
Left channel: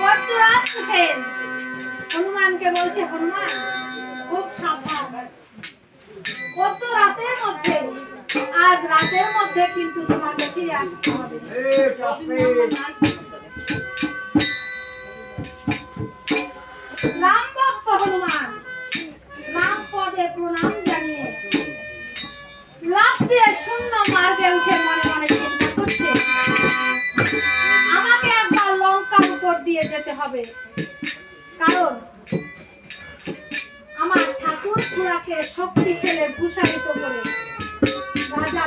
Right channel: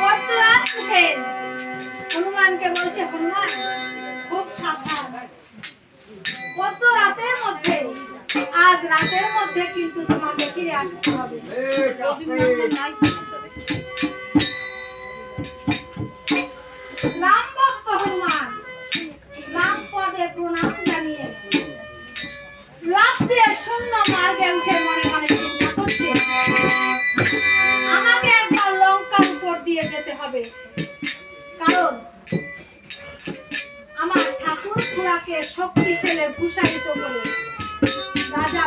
বদ্ররাজ হোসেন হনুমানকে বলছে, হনুমান খুব সাবধান, কত রাতের মধ্যে, আজ রাতের মধ্যে কিন্তু তোমাকে ফিরে আসতে হবে। রাম ভক্ত হনুমান রাম পদে প্রণাম জানিয়ে লাফ দিয়ে শূন্য মার্গে উঠে মনে মনে চিন্তা করছে, আমাকে একবার লঙ্কার উপর দিয়ে যেতে হবে, কারণ আমার ঠাকুর খুড়াকে শক্তিশালী ভূষায়িত করে রাজা